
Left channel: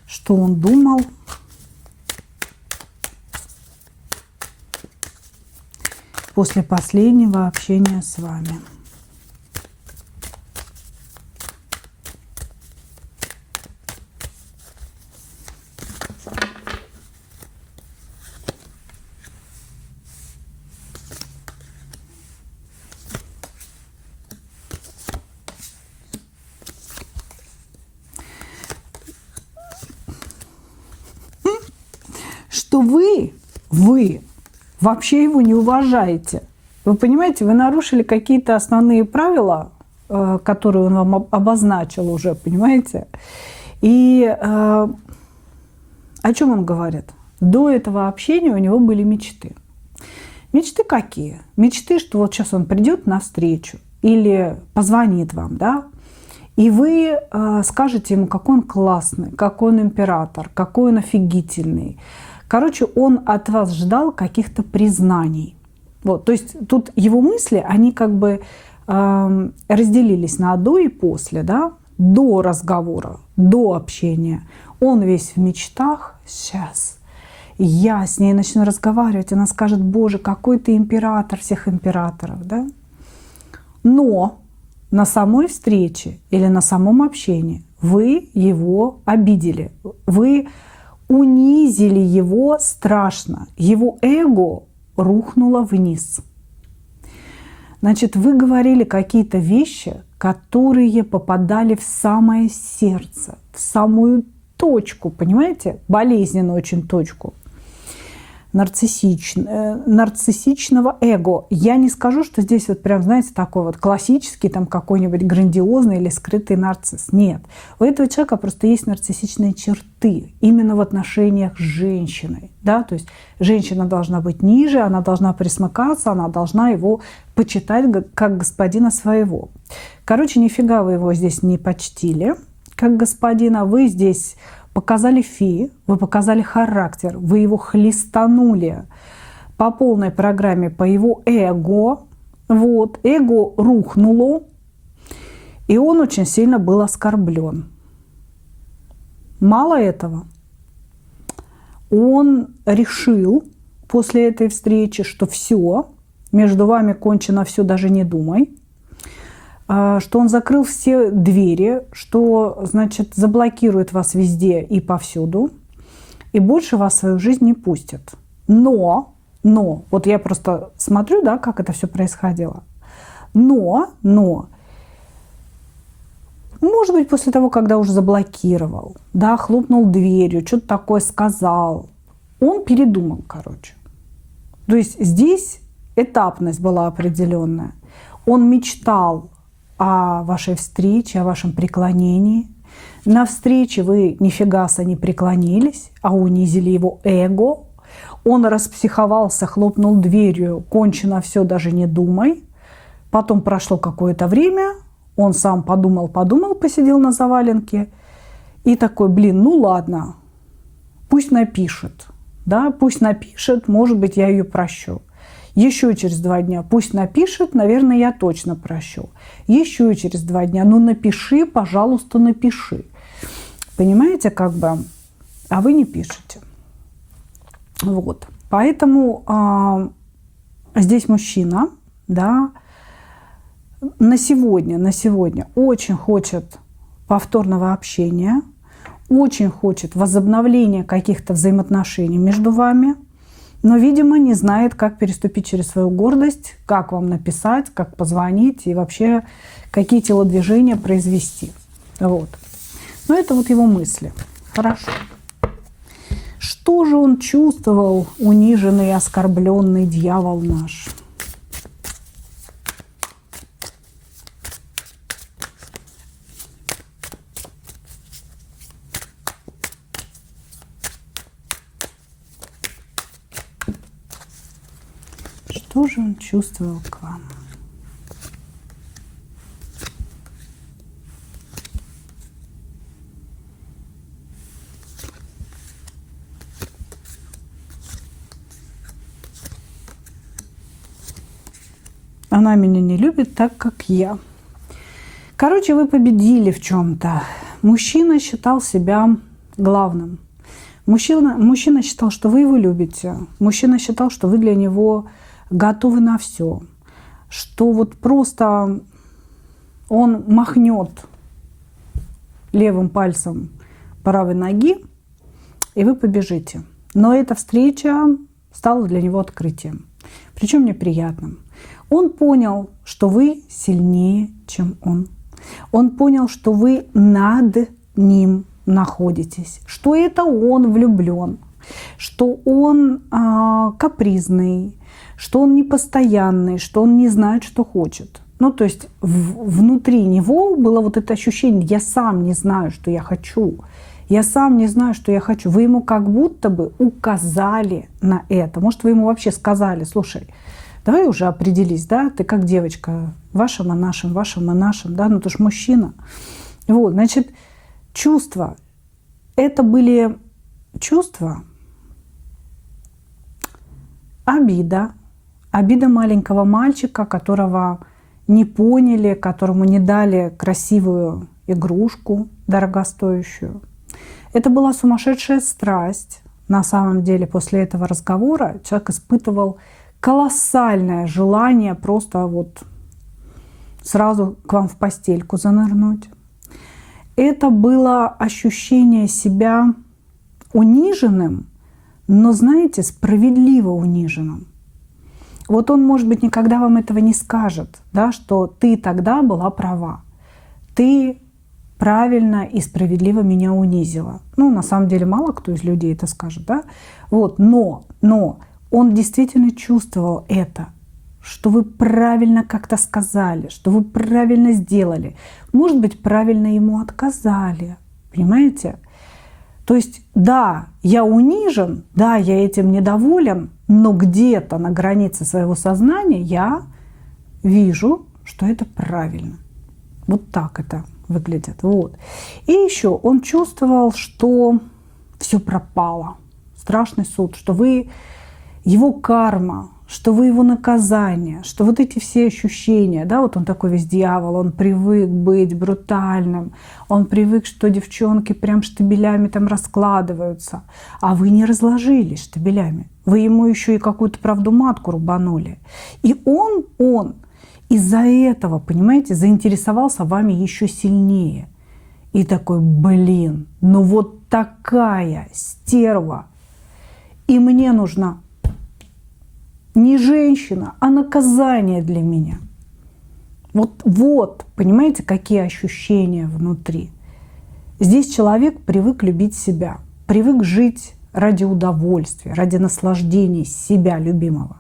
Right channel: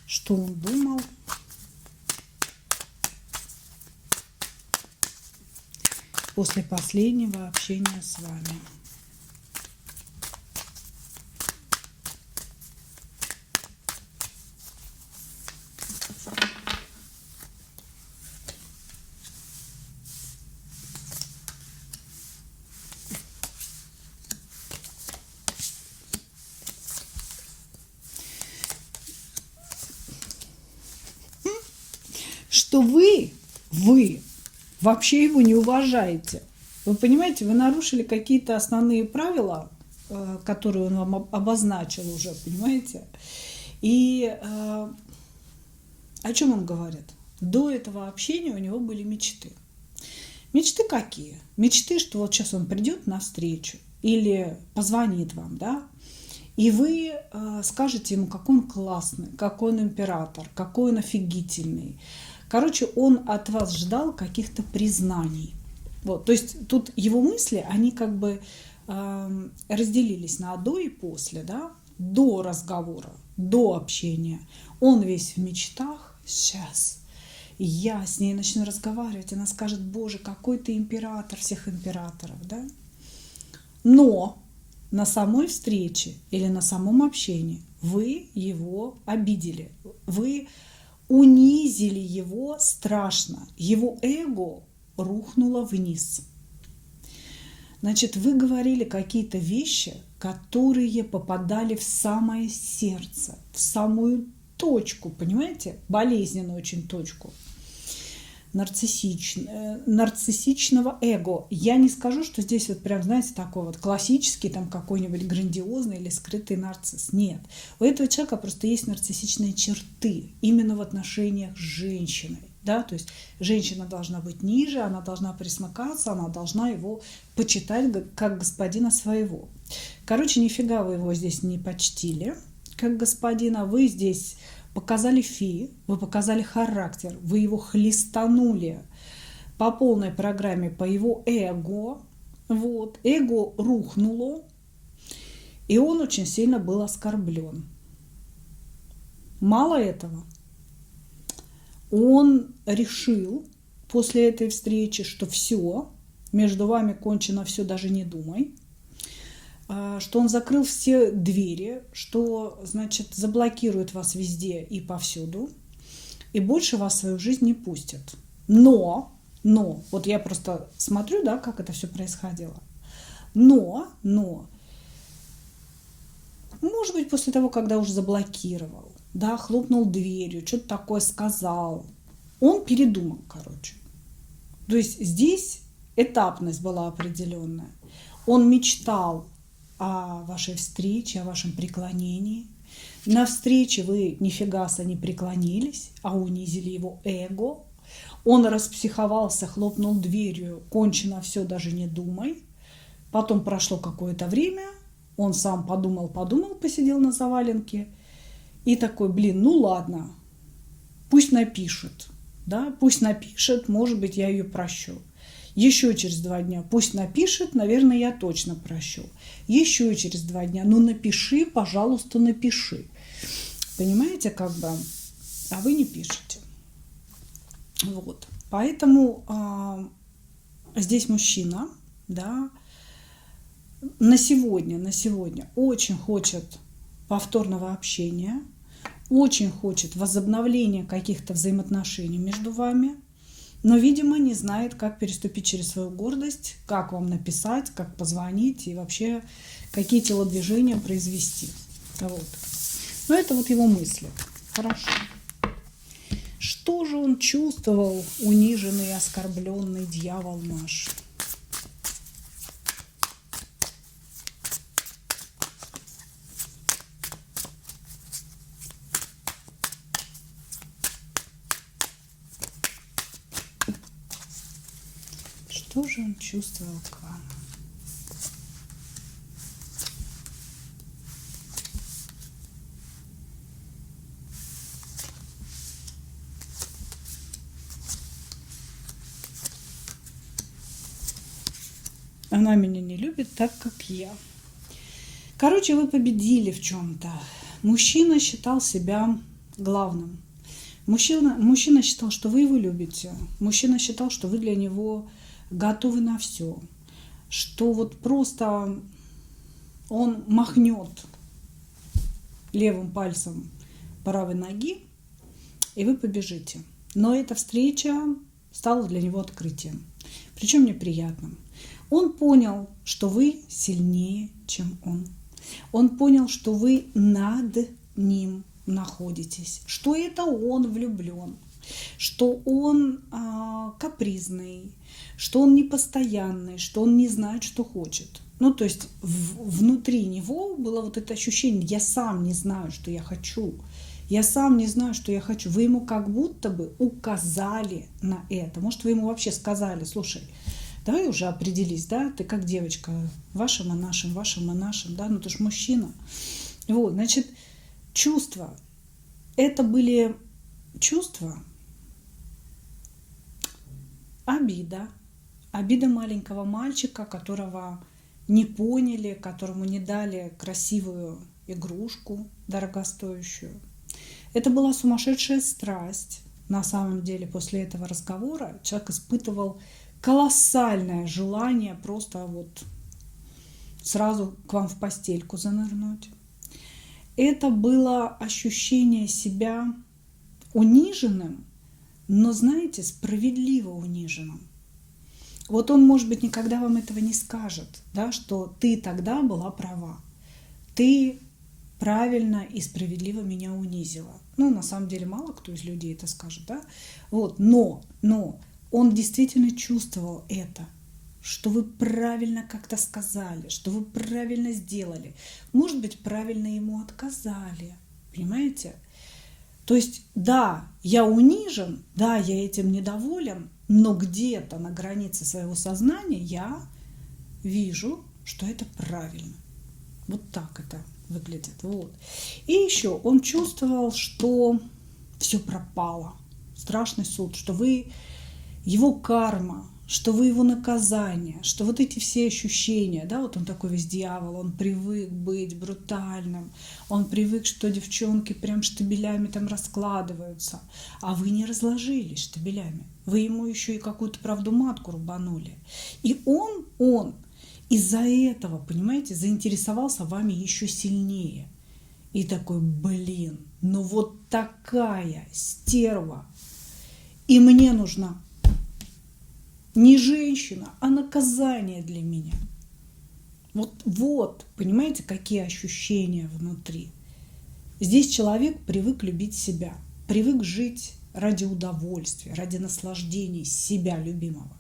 что он думал после последнего общения с вами. Что вы вообще его не уважаете. Вы понимаете, вы нарушили какие-то основные правила, которые он вам обозначил уже, понимаете? И о чем он говорит? До этого общения у него были мечты. Мечты какие? Мечты, что вот сейчас он придет навстречу или позвонит вам, да? И вы скажете ему, какой он классный, какой он император, какой он офигительный. Короче, он от вас ждал каких-то признаний. Вот, то есть тут его мысли, они как бы разделились на до и после, да? До разговора, до общения. Он весь в мечтах. Сейчас я с ней начну разговаривать, она скажет: боже, какой ты император всех императоров, да? Но на самой встрече или на самом общении вы его обидели, вы унизили его страшно, его эго рухнуло вниз. Значит, вы говорили какие-то вещи, которые попадали в самое сердце, в самую точку, понимаете, болезненную очень точку нарциссичного эго. Я не скажу, что здесь вот прям, знаете, такой вот классический там какой-нибудь грандиозный или скрытый нарцисс. Нет. У этого человека просто есть нарциссичные черты именно в отношениях с женщиной. Да? То есть женщина должна быть ниже, она должна присмыкаться, она должна его почитать как господина своего. Короче, нифига вы его здесь не почтили. как господина, вы здесь показали вы показали характер, вы его хлестанули по полной программе, по его эго. Вот, эго рухнуло, и он очень сильно был оскорблен. Мало этого, он решил после этой встречи, что все, между вами кончено все, даже не думай, что он закрыл все двери, что, значит, заблокирует вас везде и повсюду, и больше вас в свою жизнь не пустит. Но, вот я просто смотрю, да, как это все происходило. Но, может быть, после того, когда уже заблокировал, да, хлопнул дверью, что-то такое сказал, он передумал, короче. То есть здесь этапность была определенная. Он мечтал о вашей встрече, о вашем преклонении. На встрече вы нифигаса не преклонились, а унизили его эго. Он распсиховался, хлопнул дверью, кончено все, даже не думай. Потом прошло какое-то время, он сам подумал, посидел на заваленке и такой, ну ладно, пусть напишет, да, пусть напишет, может быть, я ее прощу. Еще через 2 дня пусть напишет, наверное, я точно прощу. Еще через 2 дня, напиши, пожалуйста, напиши. Понимаете, как бы, а вы не пишете. Вот, поэтому здесь мужчина, да, на сегодня очень хочет повторного общения, очень хочет возобновления каких-то взаимоотношений между вами, но, видимо, не знает, как переступить через свою гордость, как вам написать, как позвонить и вообще какие телодвижения произвести. Вот. Но это вот его мысли. Хорошо. Что же он чувствовал, униженный и оскорбленный дьявол наш? Что же он чувствовал к вам? Она меня не любит так, как я. Короче, вы победили в чем-то. Мужчина считал себя главным. Мужчина считал, что вы его любите. Мужчина считал, что вы для него готовы на все. Что вот просто он махнет левым пальцем правой ноги, и вы побежите. Но эта встреча стала для него открытием. Причем неприятным. Он понял, что вы сильнее, чем он. Он понял, что вы над ним находитесь, что это он влюблен, что он капризный, что он непостоянный, что он не знает, что хочет. Ну, то есть внутри него было вот это ощущение: я сам не знаю, что я хочу. Я сам не знаю, что я хочу. Вы ему как будто бы указали на это. Может, вы ему вообще сказали: слушай, давай уже определись, да, ты как девочка, вашим и нашим, да, ну ты ж мужчина. Вот, значит, чувства. Это были чувства, обида маленького мальчика, которого не поняли, которому не дали красивую игрушку дорогостоящую. Это была сумасшедшая страсть. На самом деле, после этого разговора человек испытывал колоссальное желание просто вот сразу к вам в постельку занырнуть. Это было ощущение себя униженным, но, знаете, справедливо униженным. Вот он, может быть, никогда вам этого не скажет, да, что ты тогда была права. Ты правильно и справедливо меня унизила. Ну, на самом деле, мало кто из людей это скажет, да. Вот, но он действительно чувствовал это, что вы правильно как-то сказали, что вы правильно сделали. Может быть, правильно ему отказали. Понимаете? То есть, да, я унижен, да, я этим недоволен, но где-то на границе своего сознания я вижу, что это правильно. Вот так это выглядят. Вот. И еще он чувствовал, что все пропало. Страшный суд, что вы его карма, что вы его наказание, что вот эти все ощущения, да, вот он такой весь дьявол, он привык быть брутальным, он привык, что девчонки прям штабелями там раскладываются, а вы не разложились штабелями, вы ему еще и какую-то правду матку рубанули. И он из-за этого, понимаете, заинтересовался вами еще сильнее. И такой, блин, ну вот такая стерва, и мне нужна не женщина, а наказание для меня. Вот, понимаете, какие ощущения внутри. Здесь человек привык любить себя, привык жить ради удовольствия, ради наслаждения себя любимого.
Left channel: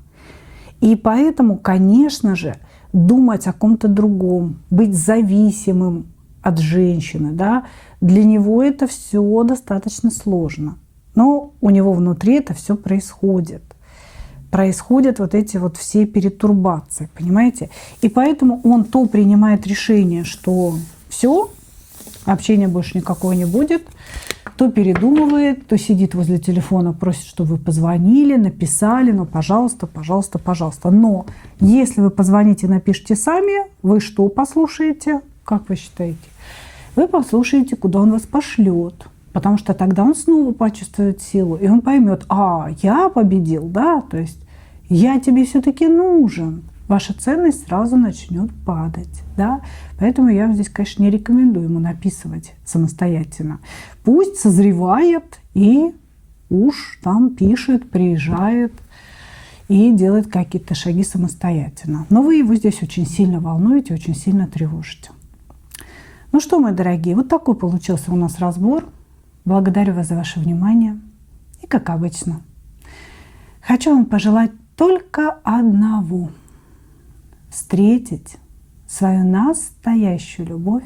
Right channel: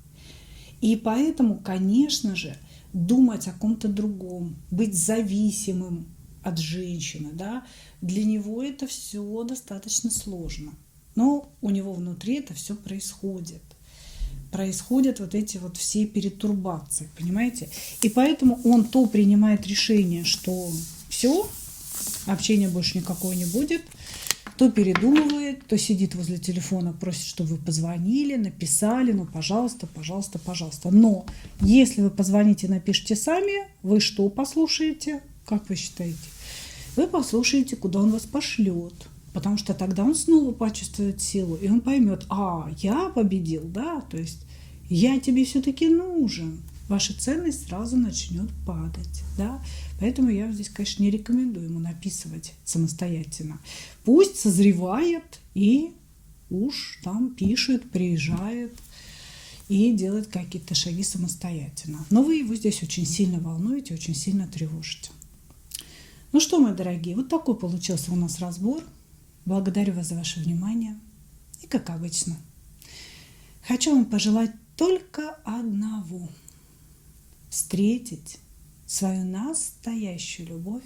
И поэтому, конечно же, думать о ком-то другом, быть зависимым от женщины, да, для него это все достаточно сложно. Но у него внутри это все происходит. Происходят вот эти вот все перетурбации, понимаете? И поэтому он то принимает решение, что все, общения больше никакого не будет, то передумывает, то сидит возле телефона, просит, чтобы вы позвонили, написали, ну, пожалуйста, пожалуйста, пожалуйста. Но если вы позвоните и напишите сами, вы что послушаете? Как вы считаете? Вы послушаете, куда он вас пошлет. Потому что тогда он снова почувствует силу, и он поймет, я победил, да, то есть я тебе все-таки нужен. Ваша ценность сразу начнет падать, да. Поэтому я здесь, конечно, не рекомендую ему написывать самостоятельно. Пусть созревает и уж там пишет, приезжает и делает какие-то шаги самостоятельно. Но вы его здесь очень сильно волнуете, очень сильно тревожите. Ну что, мои дорогие, вот такой получился у нас разбор. Благодарю вас за ваше внимание. И как обычно, хочу вам пожелать только одного: встретить свою настоящую любовь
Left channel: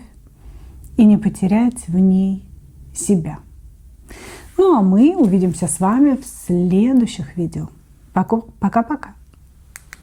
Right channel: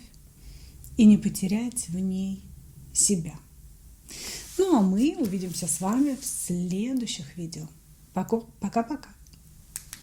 и не потерять в ней себя. Ну а мы увидимся с вами в следующих видео. Пока-пока.